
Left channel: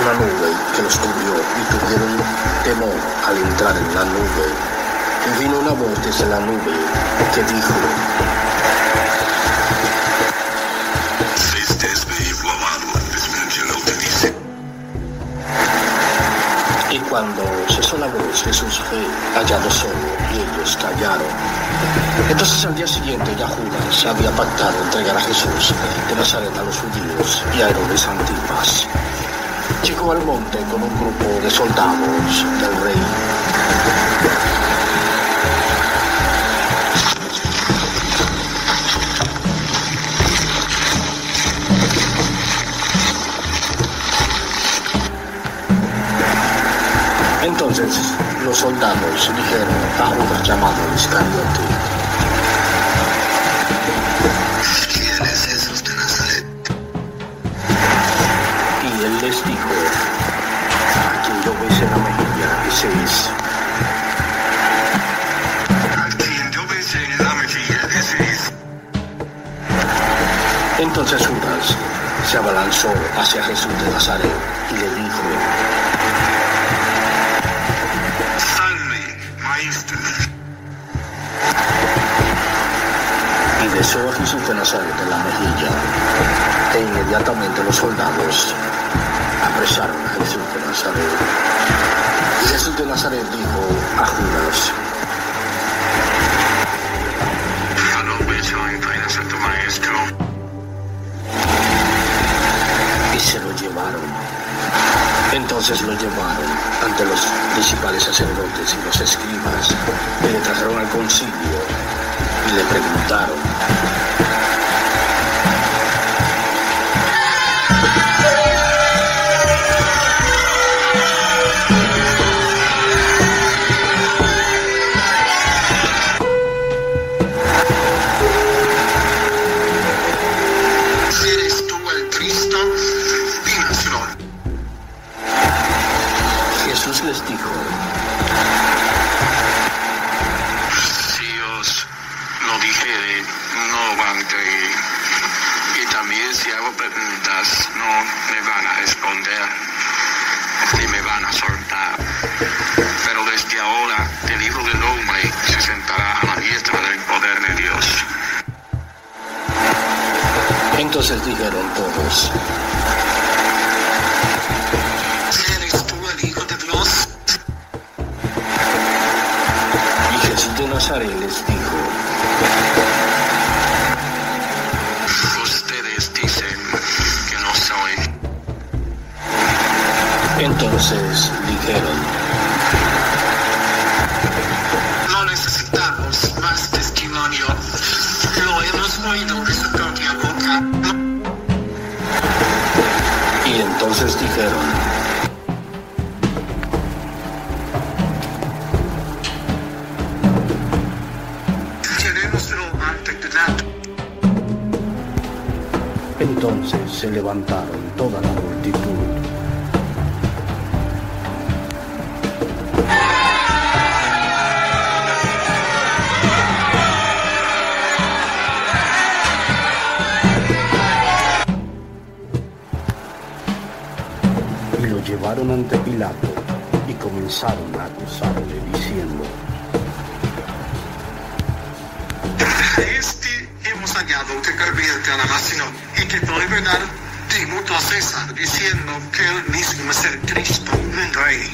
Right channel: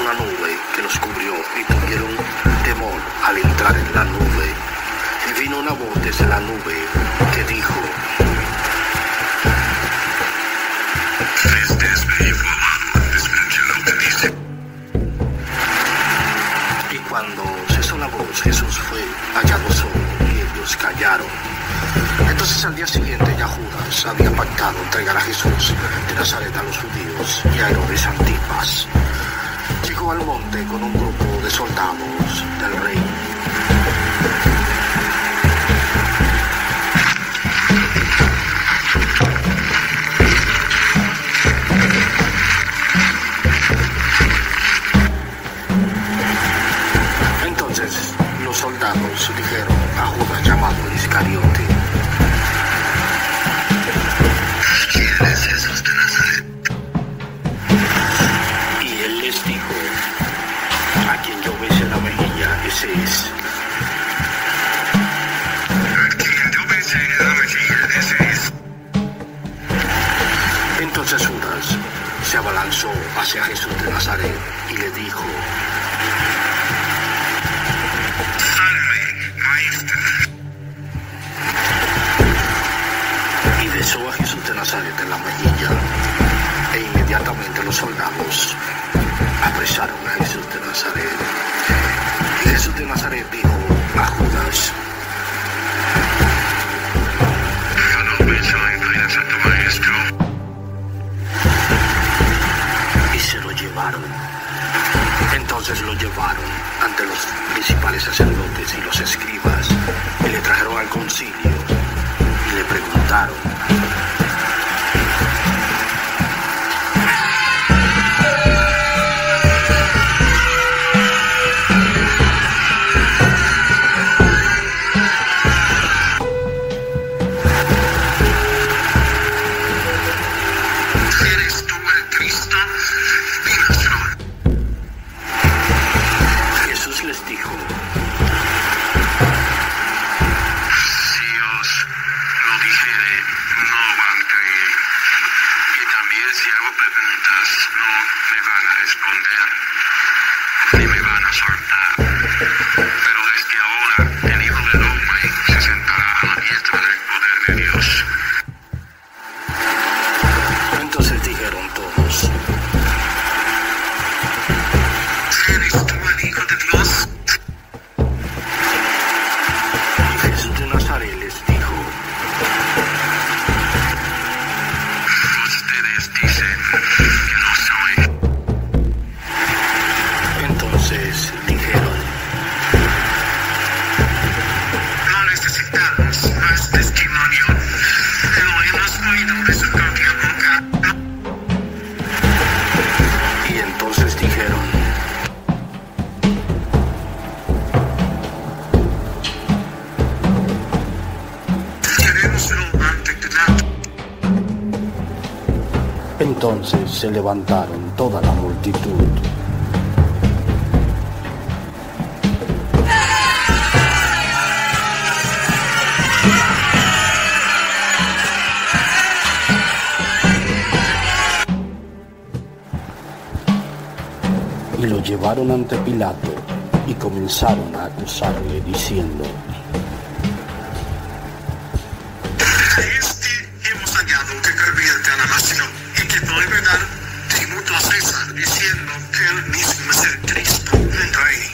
una nube que los cubrió y tuvieron temor al entrar en la nube. Y vino una voz desde la nube que dijo: Este es mi hijo amado, escucha lo que dice. Y cuando cesó la voz, Jesús fue hallado solo y ellos callaron. Entonces al día siguiente ya Judas había pactado entregar a Jesús de Nazaret a los judíos y a Herodes Antipas. Llegó al monte con un grupo de soldados del rey. Entonces los soldados dijeron a Judas llamado Iscariote: ¿Quién es Jesús de Nazaret? Y él les dijo: a quien yo besé la mejilla, ese es. A quien yo besé la mejilla, ese es. Entonces Judas se abalanzó hacia Jesús de Nazaret y le dijo: Salve, maestro. y besó a Jesús de Nazaret en la mejilla. E inmediatamente los soldados apresaron a Jesús de Nazaret. Y Jesús de Nazaret dijo a Judas: Hallo, excelente, santo maestro. Y se lo llevaron. Entonces lo llevaron ante los principales sacerdotes y los escribas, y le trajeron al concilio y le preguntaron: ¿Eres tú el Cristo? Dínoslo. Jesús les dijo: Si os lo dijere, no van a creer. Y también si hago preguntas, no me van a responder, ni me van a soltar. Pero desde ahora, el Hijo del Hombre se sentará a la diestra del poder de Dios. Entonces dijeron todos: ¿Eres tú el Hijo de Dios? Y Jesús de Nazaret les dijo: Ustedes dicen que no soy. Entonces dijeron: No necesitamos más testimonio. Lo hemos oído de su propia boca. Y entonces dijeron: Llevémoslo ante Pilato. Entonces se levantaron toda la multitud. Y lo llevaron ante Pilato y comenzaron a acusarle diciendo: hemos hallado que convierte a la nación y que por verdad tributo a César, diciendo que él mismo es el Cristo, un rey.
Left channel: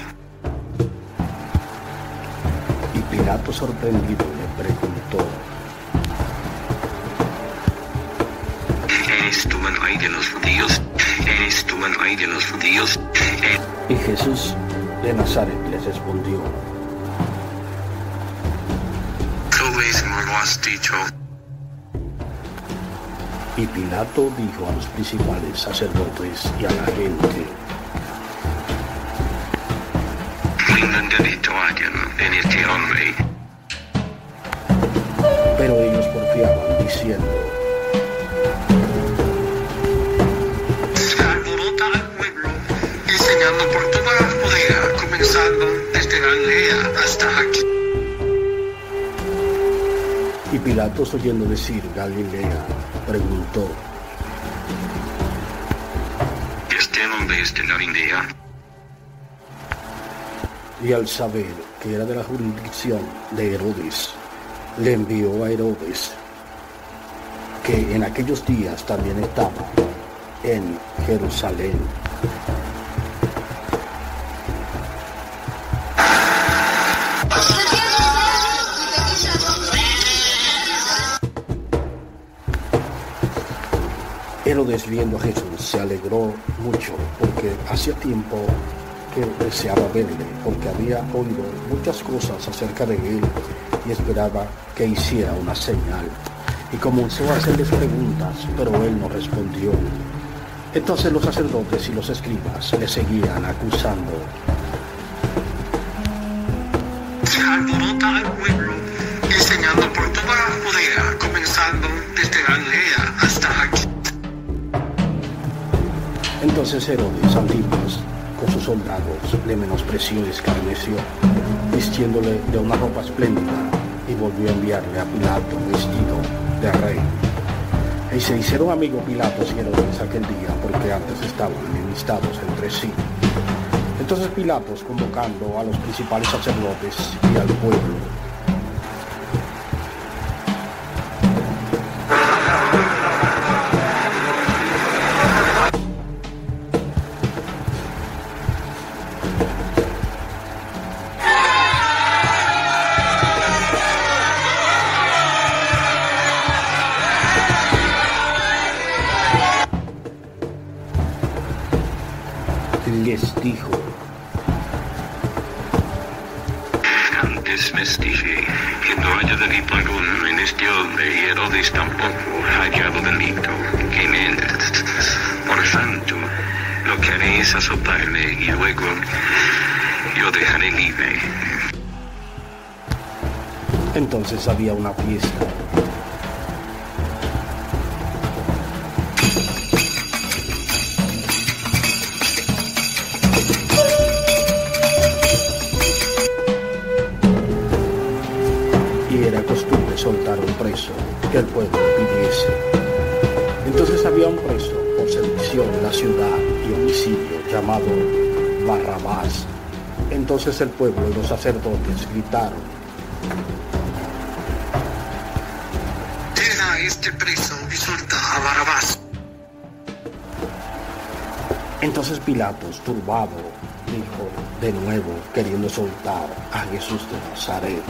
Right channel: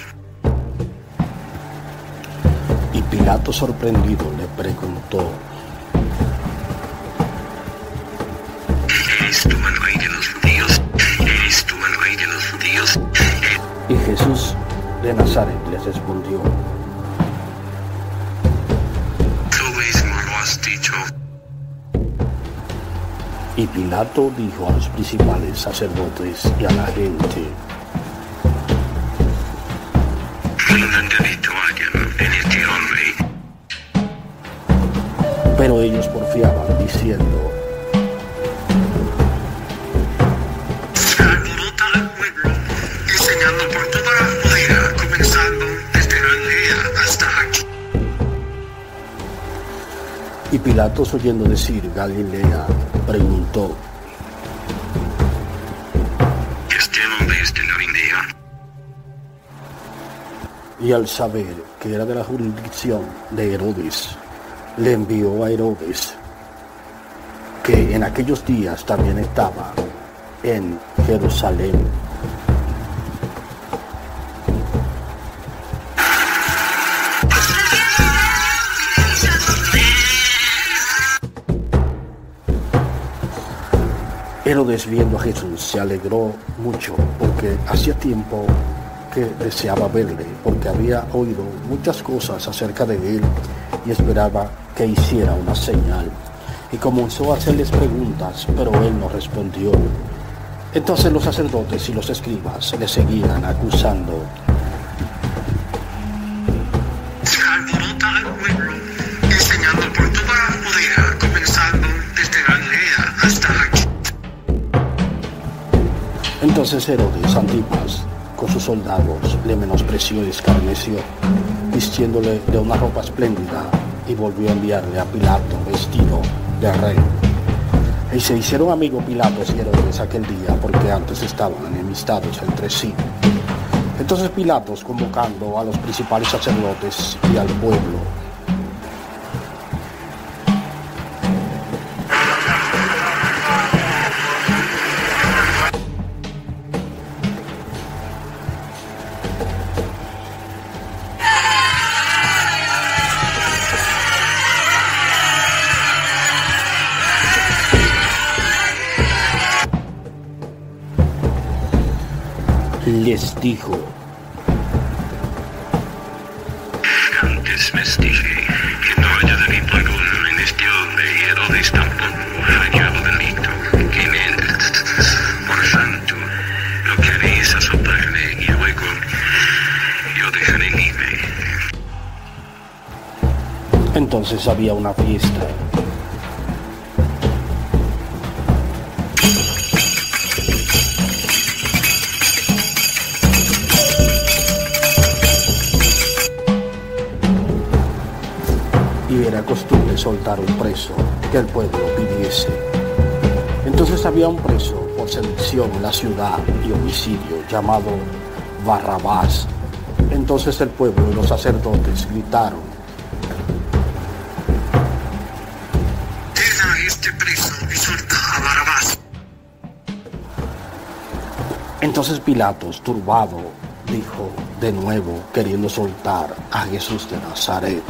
Y Pilato, sorprendido, le preguntó: ¿Eres tú el rey de los judíos? ¿Eres tú el rey de los judíos? Y Jesús de Nazaret le respondió: Tú mismo lo has dicho. Y Pilato dijo a los principales sacerdotes y a la gente: Ningún delito hallan en este hombre. Pero ellos porfiaban diciendo: Alborota al pueblo, enseñando por toda la Judea, comenzando desde Galilea hasta aquí. Y Pilatos, oyendo decir Galilea, preguntó: ¿Este hombre es de Galilea? Y al saber que era de la jurisdicción de Herodes, le envió a Herodes, que en aquellos días también estaba en Jerusalén. Herodes, viendo a Jesús, se alegró mucho porque hacía tiempo que deseaba verle, porque había oído muchas cosas acerca de él y esperaba que hiciera una señal. Y comenzó a hacerles preguntas, pero él no respondió. Entonces los sacerdotes y los escribas le seguían acusando: Alborota al pueblo, enseñando por toda la Judea, comenzando desde Galilea hasta aquí. Entonces Herodes Antipas, con sus soldados, le menospreció y escarneció, vistiéndole de una ropa espléndida, y volvió a enviarle a Pilato vestido de rey. Y se hicieron amigos Pilatos y Herodes aquel día, porque antes estaban enemistados entre sí. Entonces Pilatos, convocando a los principales sacerdotes y al pueblo, les dijo: Antes les dije que no haya delito alguno en este hombre, y Herodes tampoco ha hallado delito en él. Por tanto, lo que haré es azotarle y luego yo dejaré libre. Entonces había una fiesta. Y era costumbre soltar un preso que el pueblo pidiese. Entonces había un preso por sedición en la ciudad y homicidio llamado Barrabás. Entonces el pueblo y los sacerdotes gritaron: Deja a este preso y suelta a Barrabás. Entonces Pilatos, turbado, dijo de nuevo, queriendo soltar a Jesús de Nazaret:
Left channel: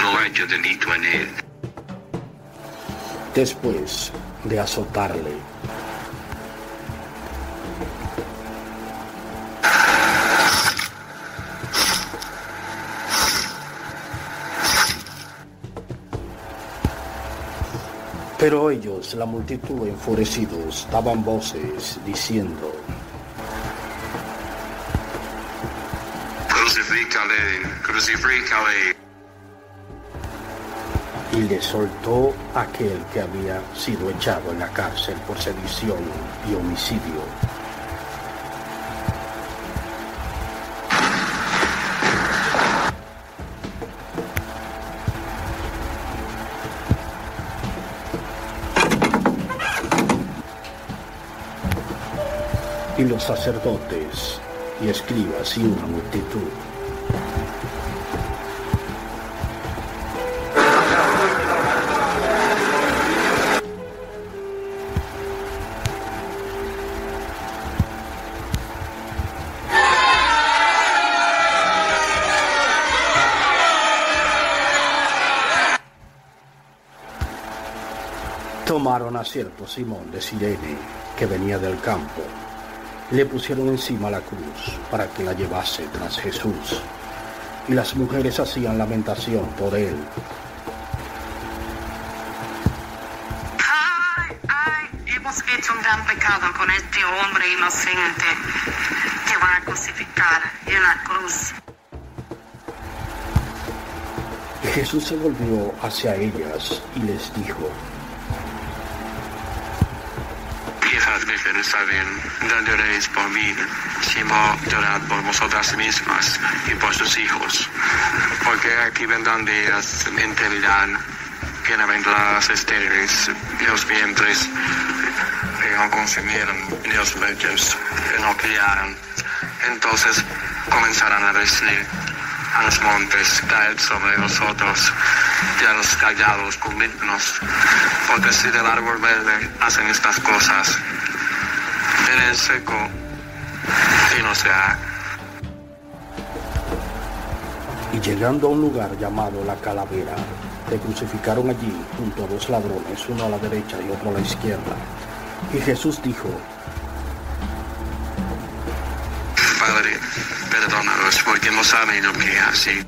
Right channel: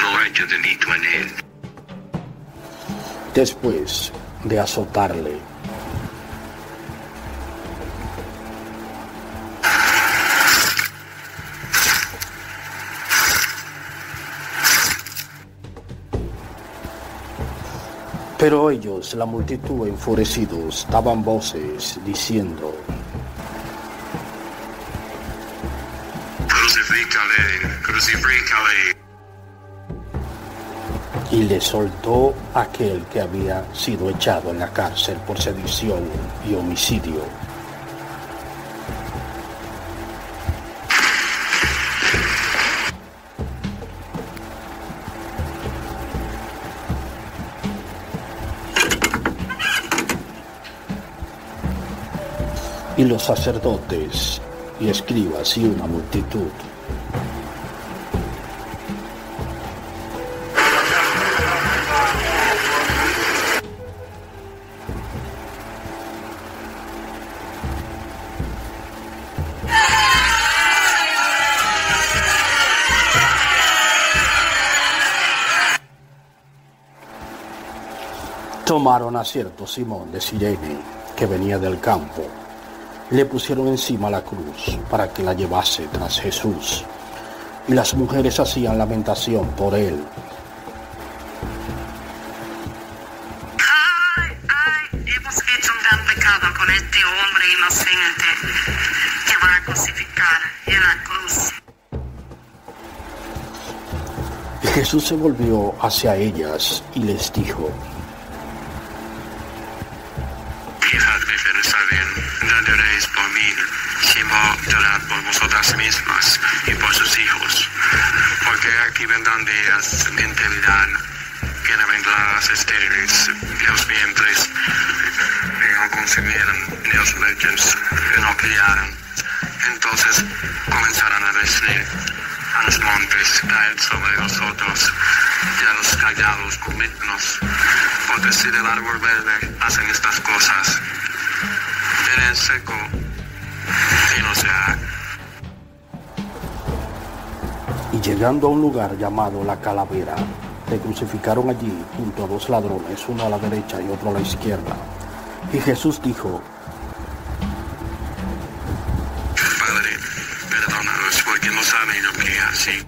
No haya delito en él. Después de azotarle, pero ellos, la multitud, enfurecidos, daban voces diciendo: Crucifícale, crucifícale. Y le soltó aquel que había sido echado en la cárcel por sedición y homicidio. Y los sacerdotes y escribas y una multitud tomaron a cierto Simón de Cirene, que venía del campo, y le pusieron encima la cruz para que la llevase tras Jesús. Y las mujeres hacían lamentación por él. Hemos hecho un gran pecado con este hombre inocente que van a crucificar en la cruz. Y Jesús se volvió hacia ellas y les dijo: Hijas de Jerusalén, no lloréis por mí, sino llorad por vosotras mismas y por sus hijos, porque aquí vendrán días en que dirán: bienaventuradas las estériles, los vientres que no concibieron, ni los lechos que no criaron. Entonces comenzarán a decir a los montes: caed sobre nosotros, y a los callados cubridnos, porque si del árbol verde hacen estas cosas, en el seco y no se ha. Y llegando a un lugar llamado La Calavera, le crucificaron allí junto a dos ladrones, uno a la derecha y otro a la izquierda. Y Jesús dijo: Padre, perdónalos, porque no saben lo que hacen.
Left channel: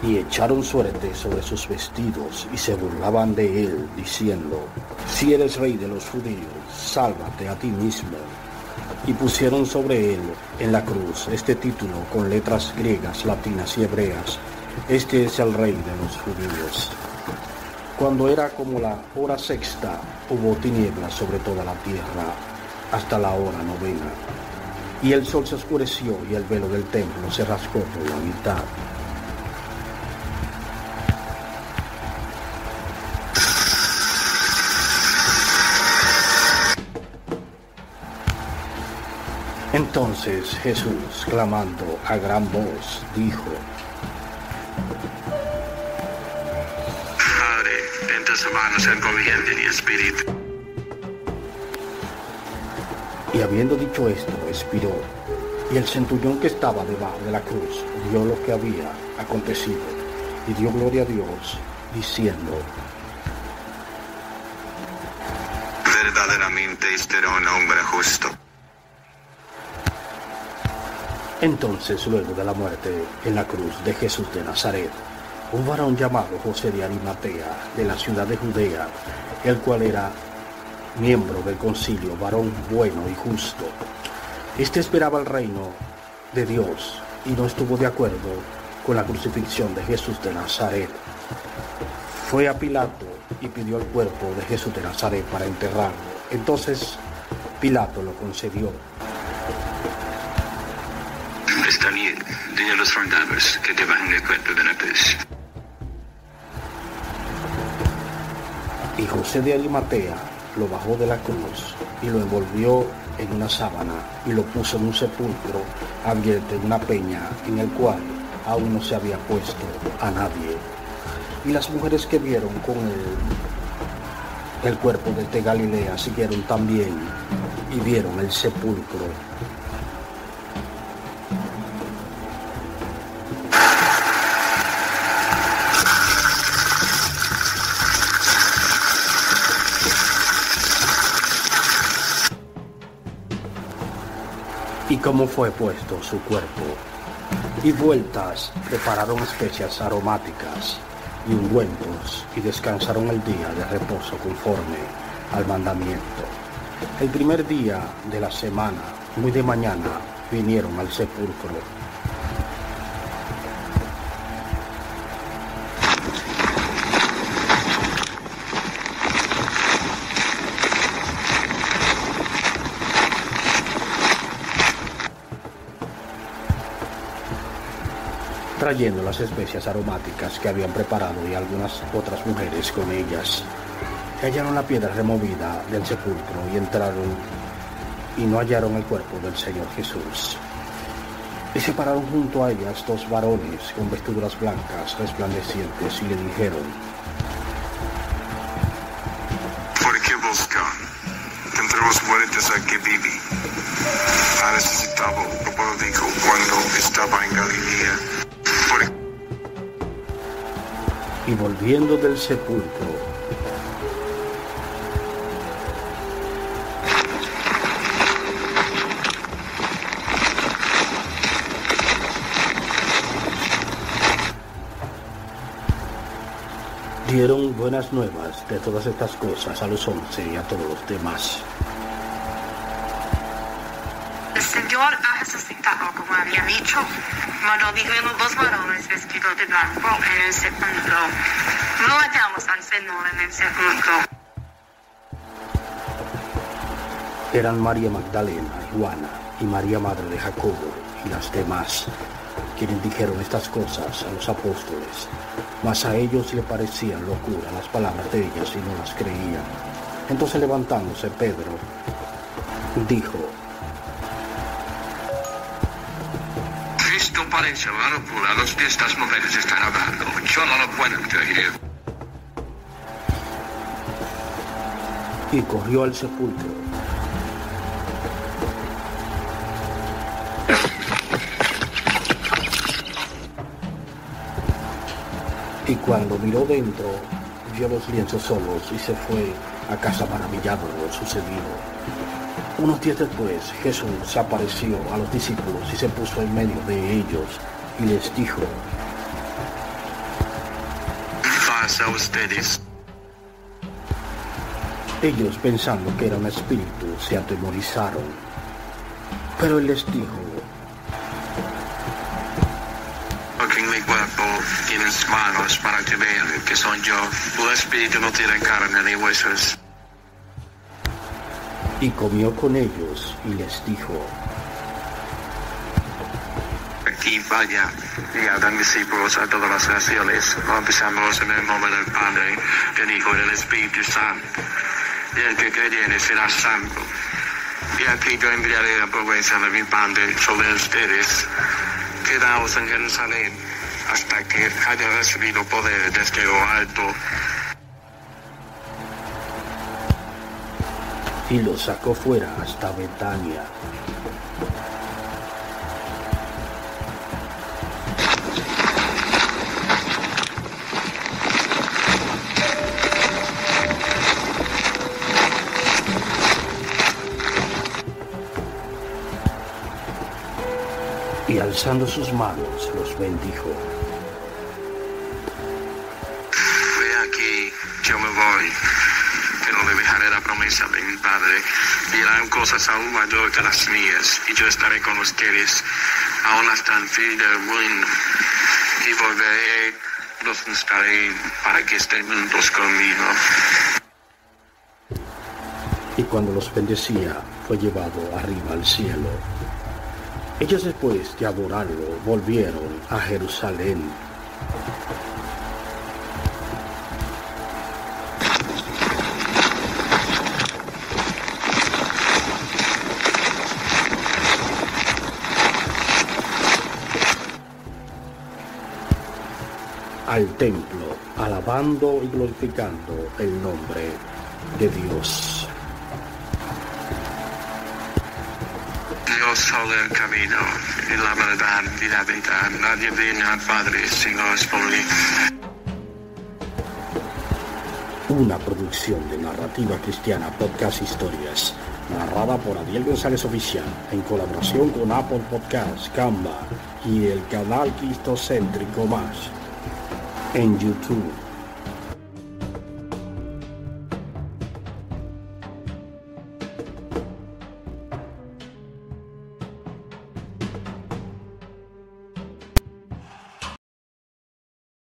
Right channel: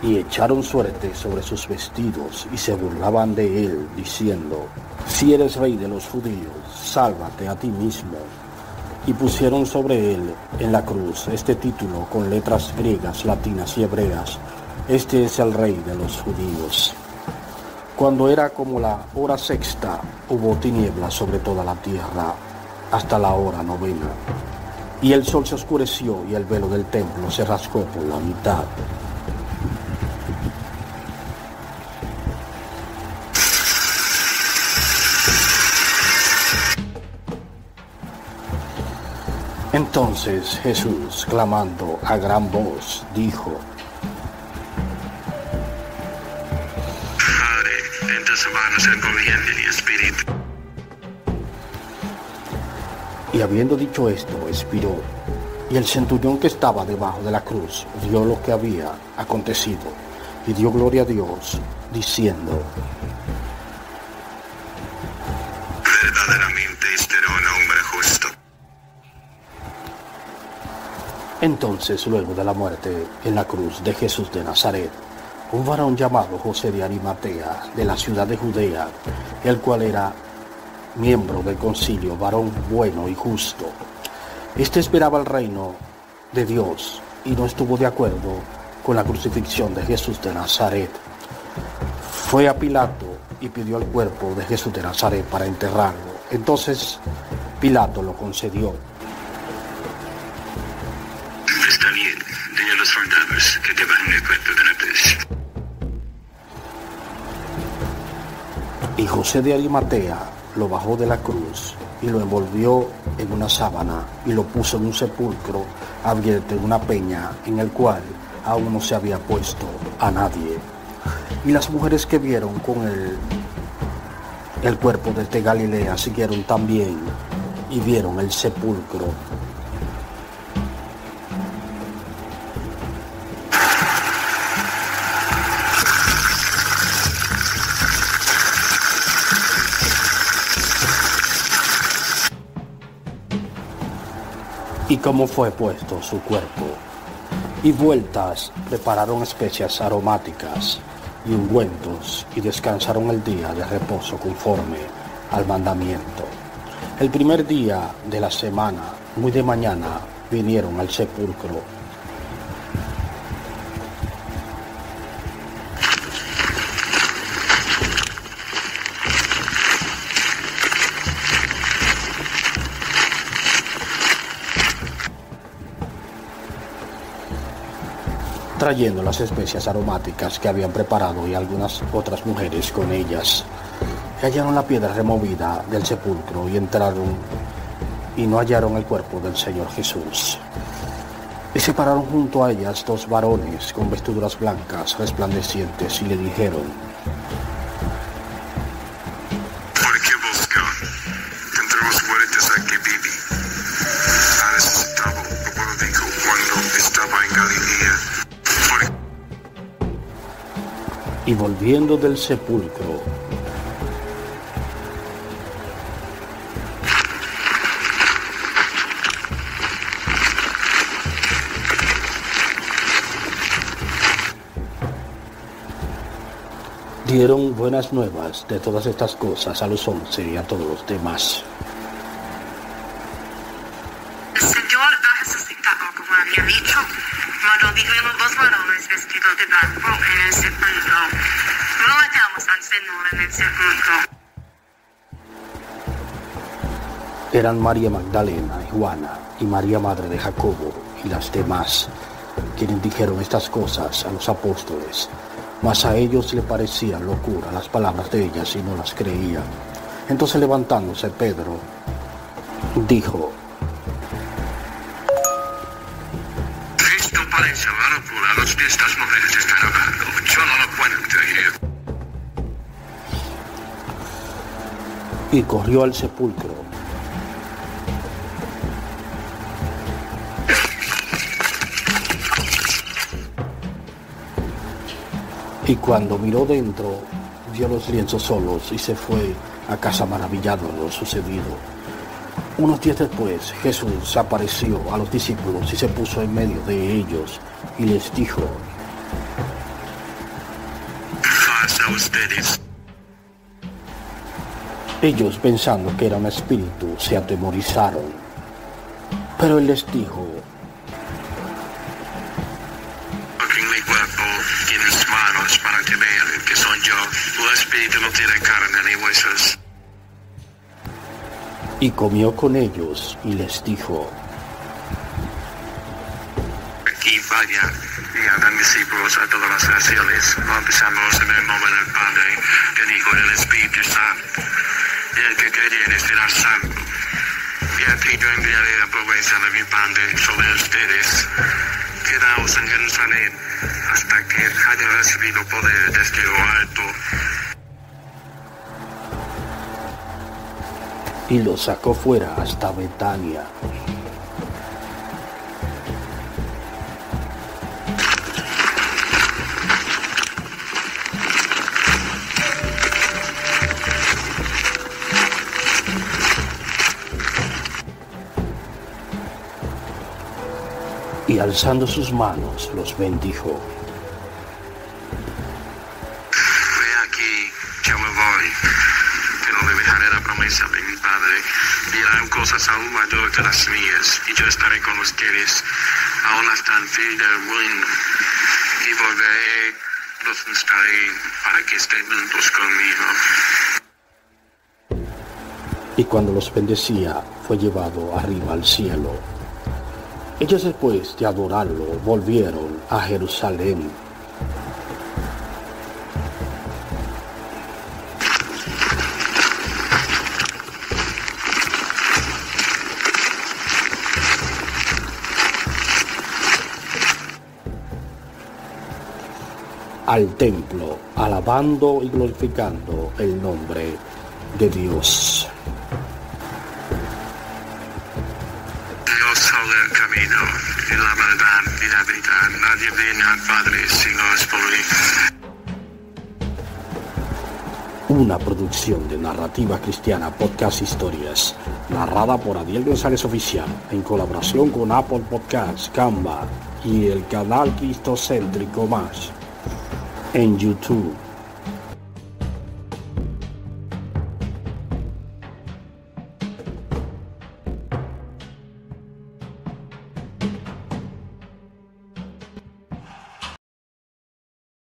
Y echaron suerte sobre sus vestidos y se burlaban de él, diciendo: si eres rey de los judíos, sálvate a ti mismo. Y pusieron sobre él en la cruz este título con letras griegas, latinas y hebreas: este es el rey de los judíos. Cuando era como la hora sexta, hubo tinieblas sobre toda la tierra hasta la hora novena. Y el sol se oscureció y el velo del templo se rasgó por la mitad. Entonces Jesús, clamando a gran voz, dijo: Padre, en tus manos encomiendo mi espíritu. Y habiendo dicho esto, expiró. Y el centurión que estaba debajo de la cruz vio lo que había acontecido y dio gloria a Dios, diciendo: Verdaderamente este era un hombre justo. Entonces, luego de la muerte en la cruz de Jesús de Nazaret, un varón llamado José de Arimatea, de la ciudad de Judea, el cual era miembro del concilio, varón bueno y justo. Este esperaba el reino de Dios y no estuvo de acuerdo con la crucifixión de Jesús de Nazaret. Fue a Pilato y pidió el cuerpo de Jesús de Nazaret para enterrarlo. Entonces Pilato lo concedió. Está bien, dile a los soldados que te bajen el cuerpo de la cruz. Y José de Arimatea lo bajó de la cruz y lo envolvió en una sábana y lo puso en un sepulcro abierto en una peña en el cual aún no se había puesto a nadie. Y las mujeres que vieron con el cuerpo desde Galilea siguieron también y vieron el sepulcro. Y cómo fue puesto su cuerpo. Y vueltas prepararon especias aromáticas y ungüentos y descansaron el día de reposo conforme al mandamiento. El primer día de la semana, muy de mañana, vinieron al sepulcro. Trayendo las especias aromáticas que habían preparado y algunas otras mujeres con ellas. Y hallaron la piedra removida del sepulcro y entraron y no hallaron el cuerpo del Señor Jesús. Y se pararon junto a ellas dos varones con vestiduras blancas resplandecientes y le dijeron: ¿Por qué buscan entre los muertos a que vive? Ha resucitado, como dijo cuando estaba en Galilea. Y volviendo del sepulcro, dieron buenas nuevas de todas estas cosas a los 11 y a todos los demás. El Señor ha resucitado, como había dicho. Cuando dijeron dos varones vestidos de blanco en el sepulcro, no hallamos al Señor en el sepulcro. Eran María Magdalena, Juana y María madre de Jacobo y las demás, quienes dijeron estas cosas a los apóstoles, mas a ellos le parecían locura las palabras de ellas y no las creían. Entonces levantándose Pedro, dijo: Esto parece una locura, los que estas mujeres están hablando, yo no lo puedo creer. Y corrió al sepulcro. Y cuando miró dentro, vio los lienzos solos y se fue a casa maravillado de lo sucedido. Unos días después, Jesús apareció a los discípulos y se puso en medio de ellos y les dijo: Paz a ustedes. Ellos, pensando que era un espíritu, se atemorizaron. Pero él les dijo: En mi cuerpo tienes manos para que vean que soy yo. Tu espíritu no tiene carne ni huesos. Y comió con ellos y les dijo: Aquí vaya y hagan discípulos a todas las naciones, bautizándolos en el nombre del Padre, del Hijo y del Espíritu Santo. Y el que creyere será salvo. Y aquí yo enviaré la promesa de mi Padre sobre ustedes. Quedaos en Jerusalén hasta que haya recibido poder desde lo alto. Y los sacó fuera hasta Betania. Y alzando sus manos los bendijo. Ve aquí, yo me voy, que no le dejaré la promesa de mi Padre. Y harán cosas aún mayores que las mías, y yo estaré con ustedes, aún hasta el fin del mundo. Y volveré, los buscaré, para que estén juntos conmigo. Y cuando los bendecía, fue llevado arriba al cielo. Ellos, después de adorarlo, volvieron a Jerusalén. Al templo, alabando y glorificando el nombre de Dios. Dios solo el camino, y la verdad y la vida. Nadie viene al Padre si no es por mí. Una producción de Narrativa Cristiana Podcast Historias, narrada por Adiel González Oficial, en colaboración con Apple Podcasts, Canva y el canal Cristocéntrico Más en YouTube.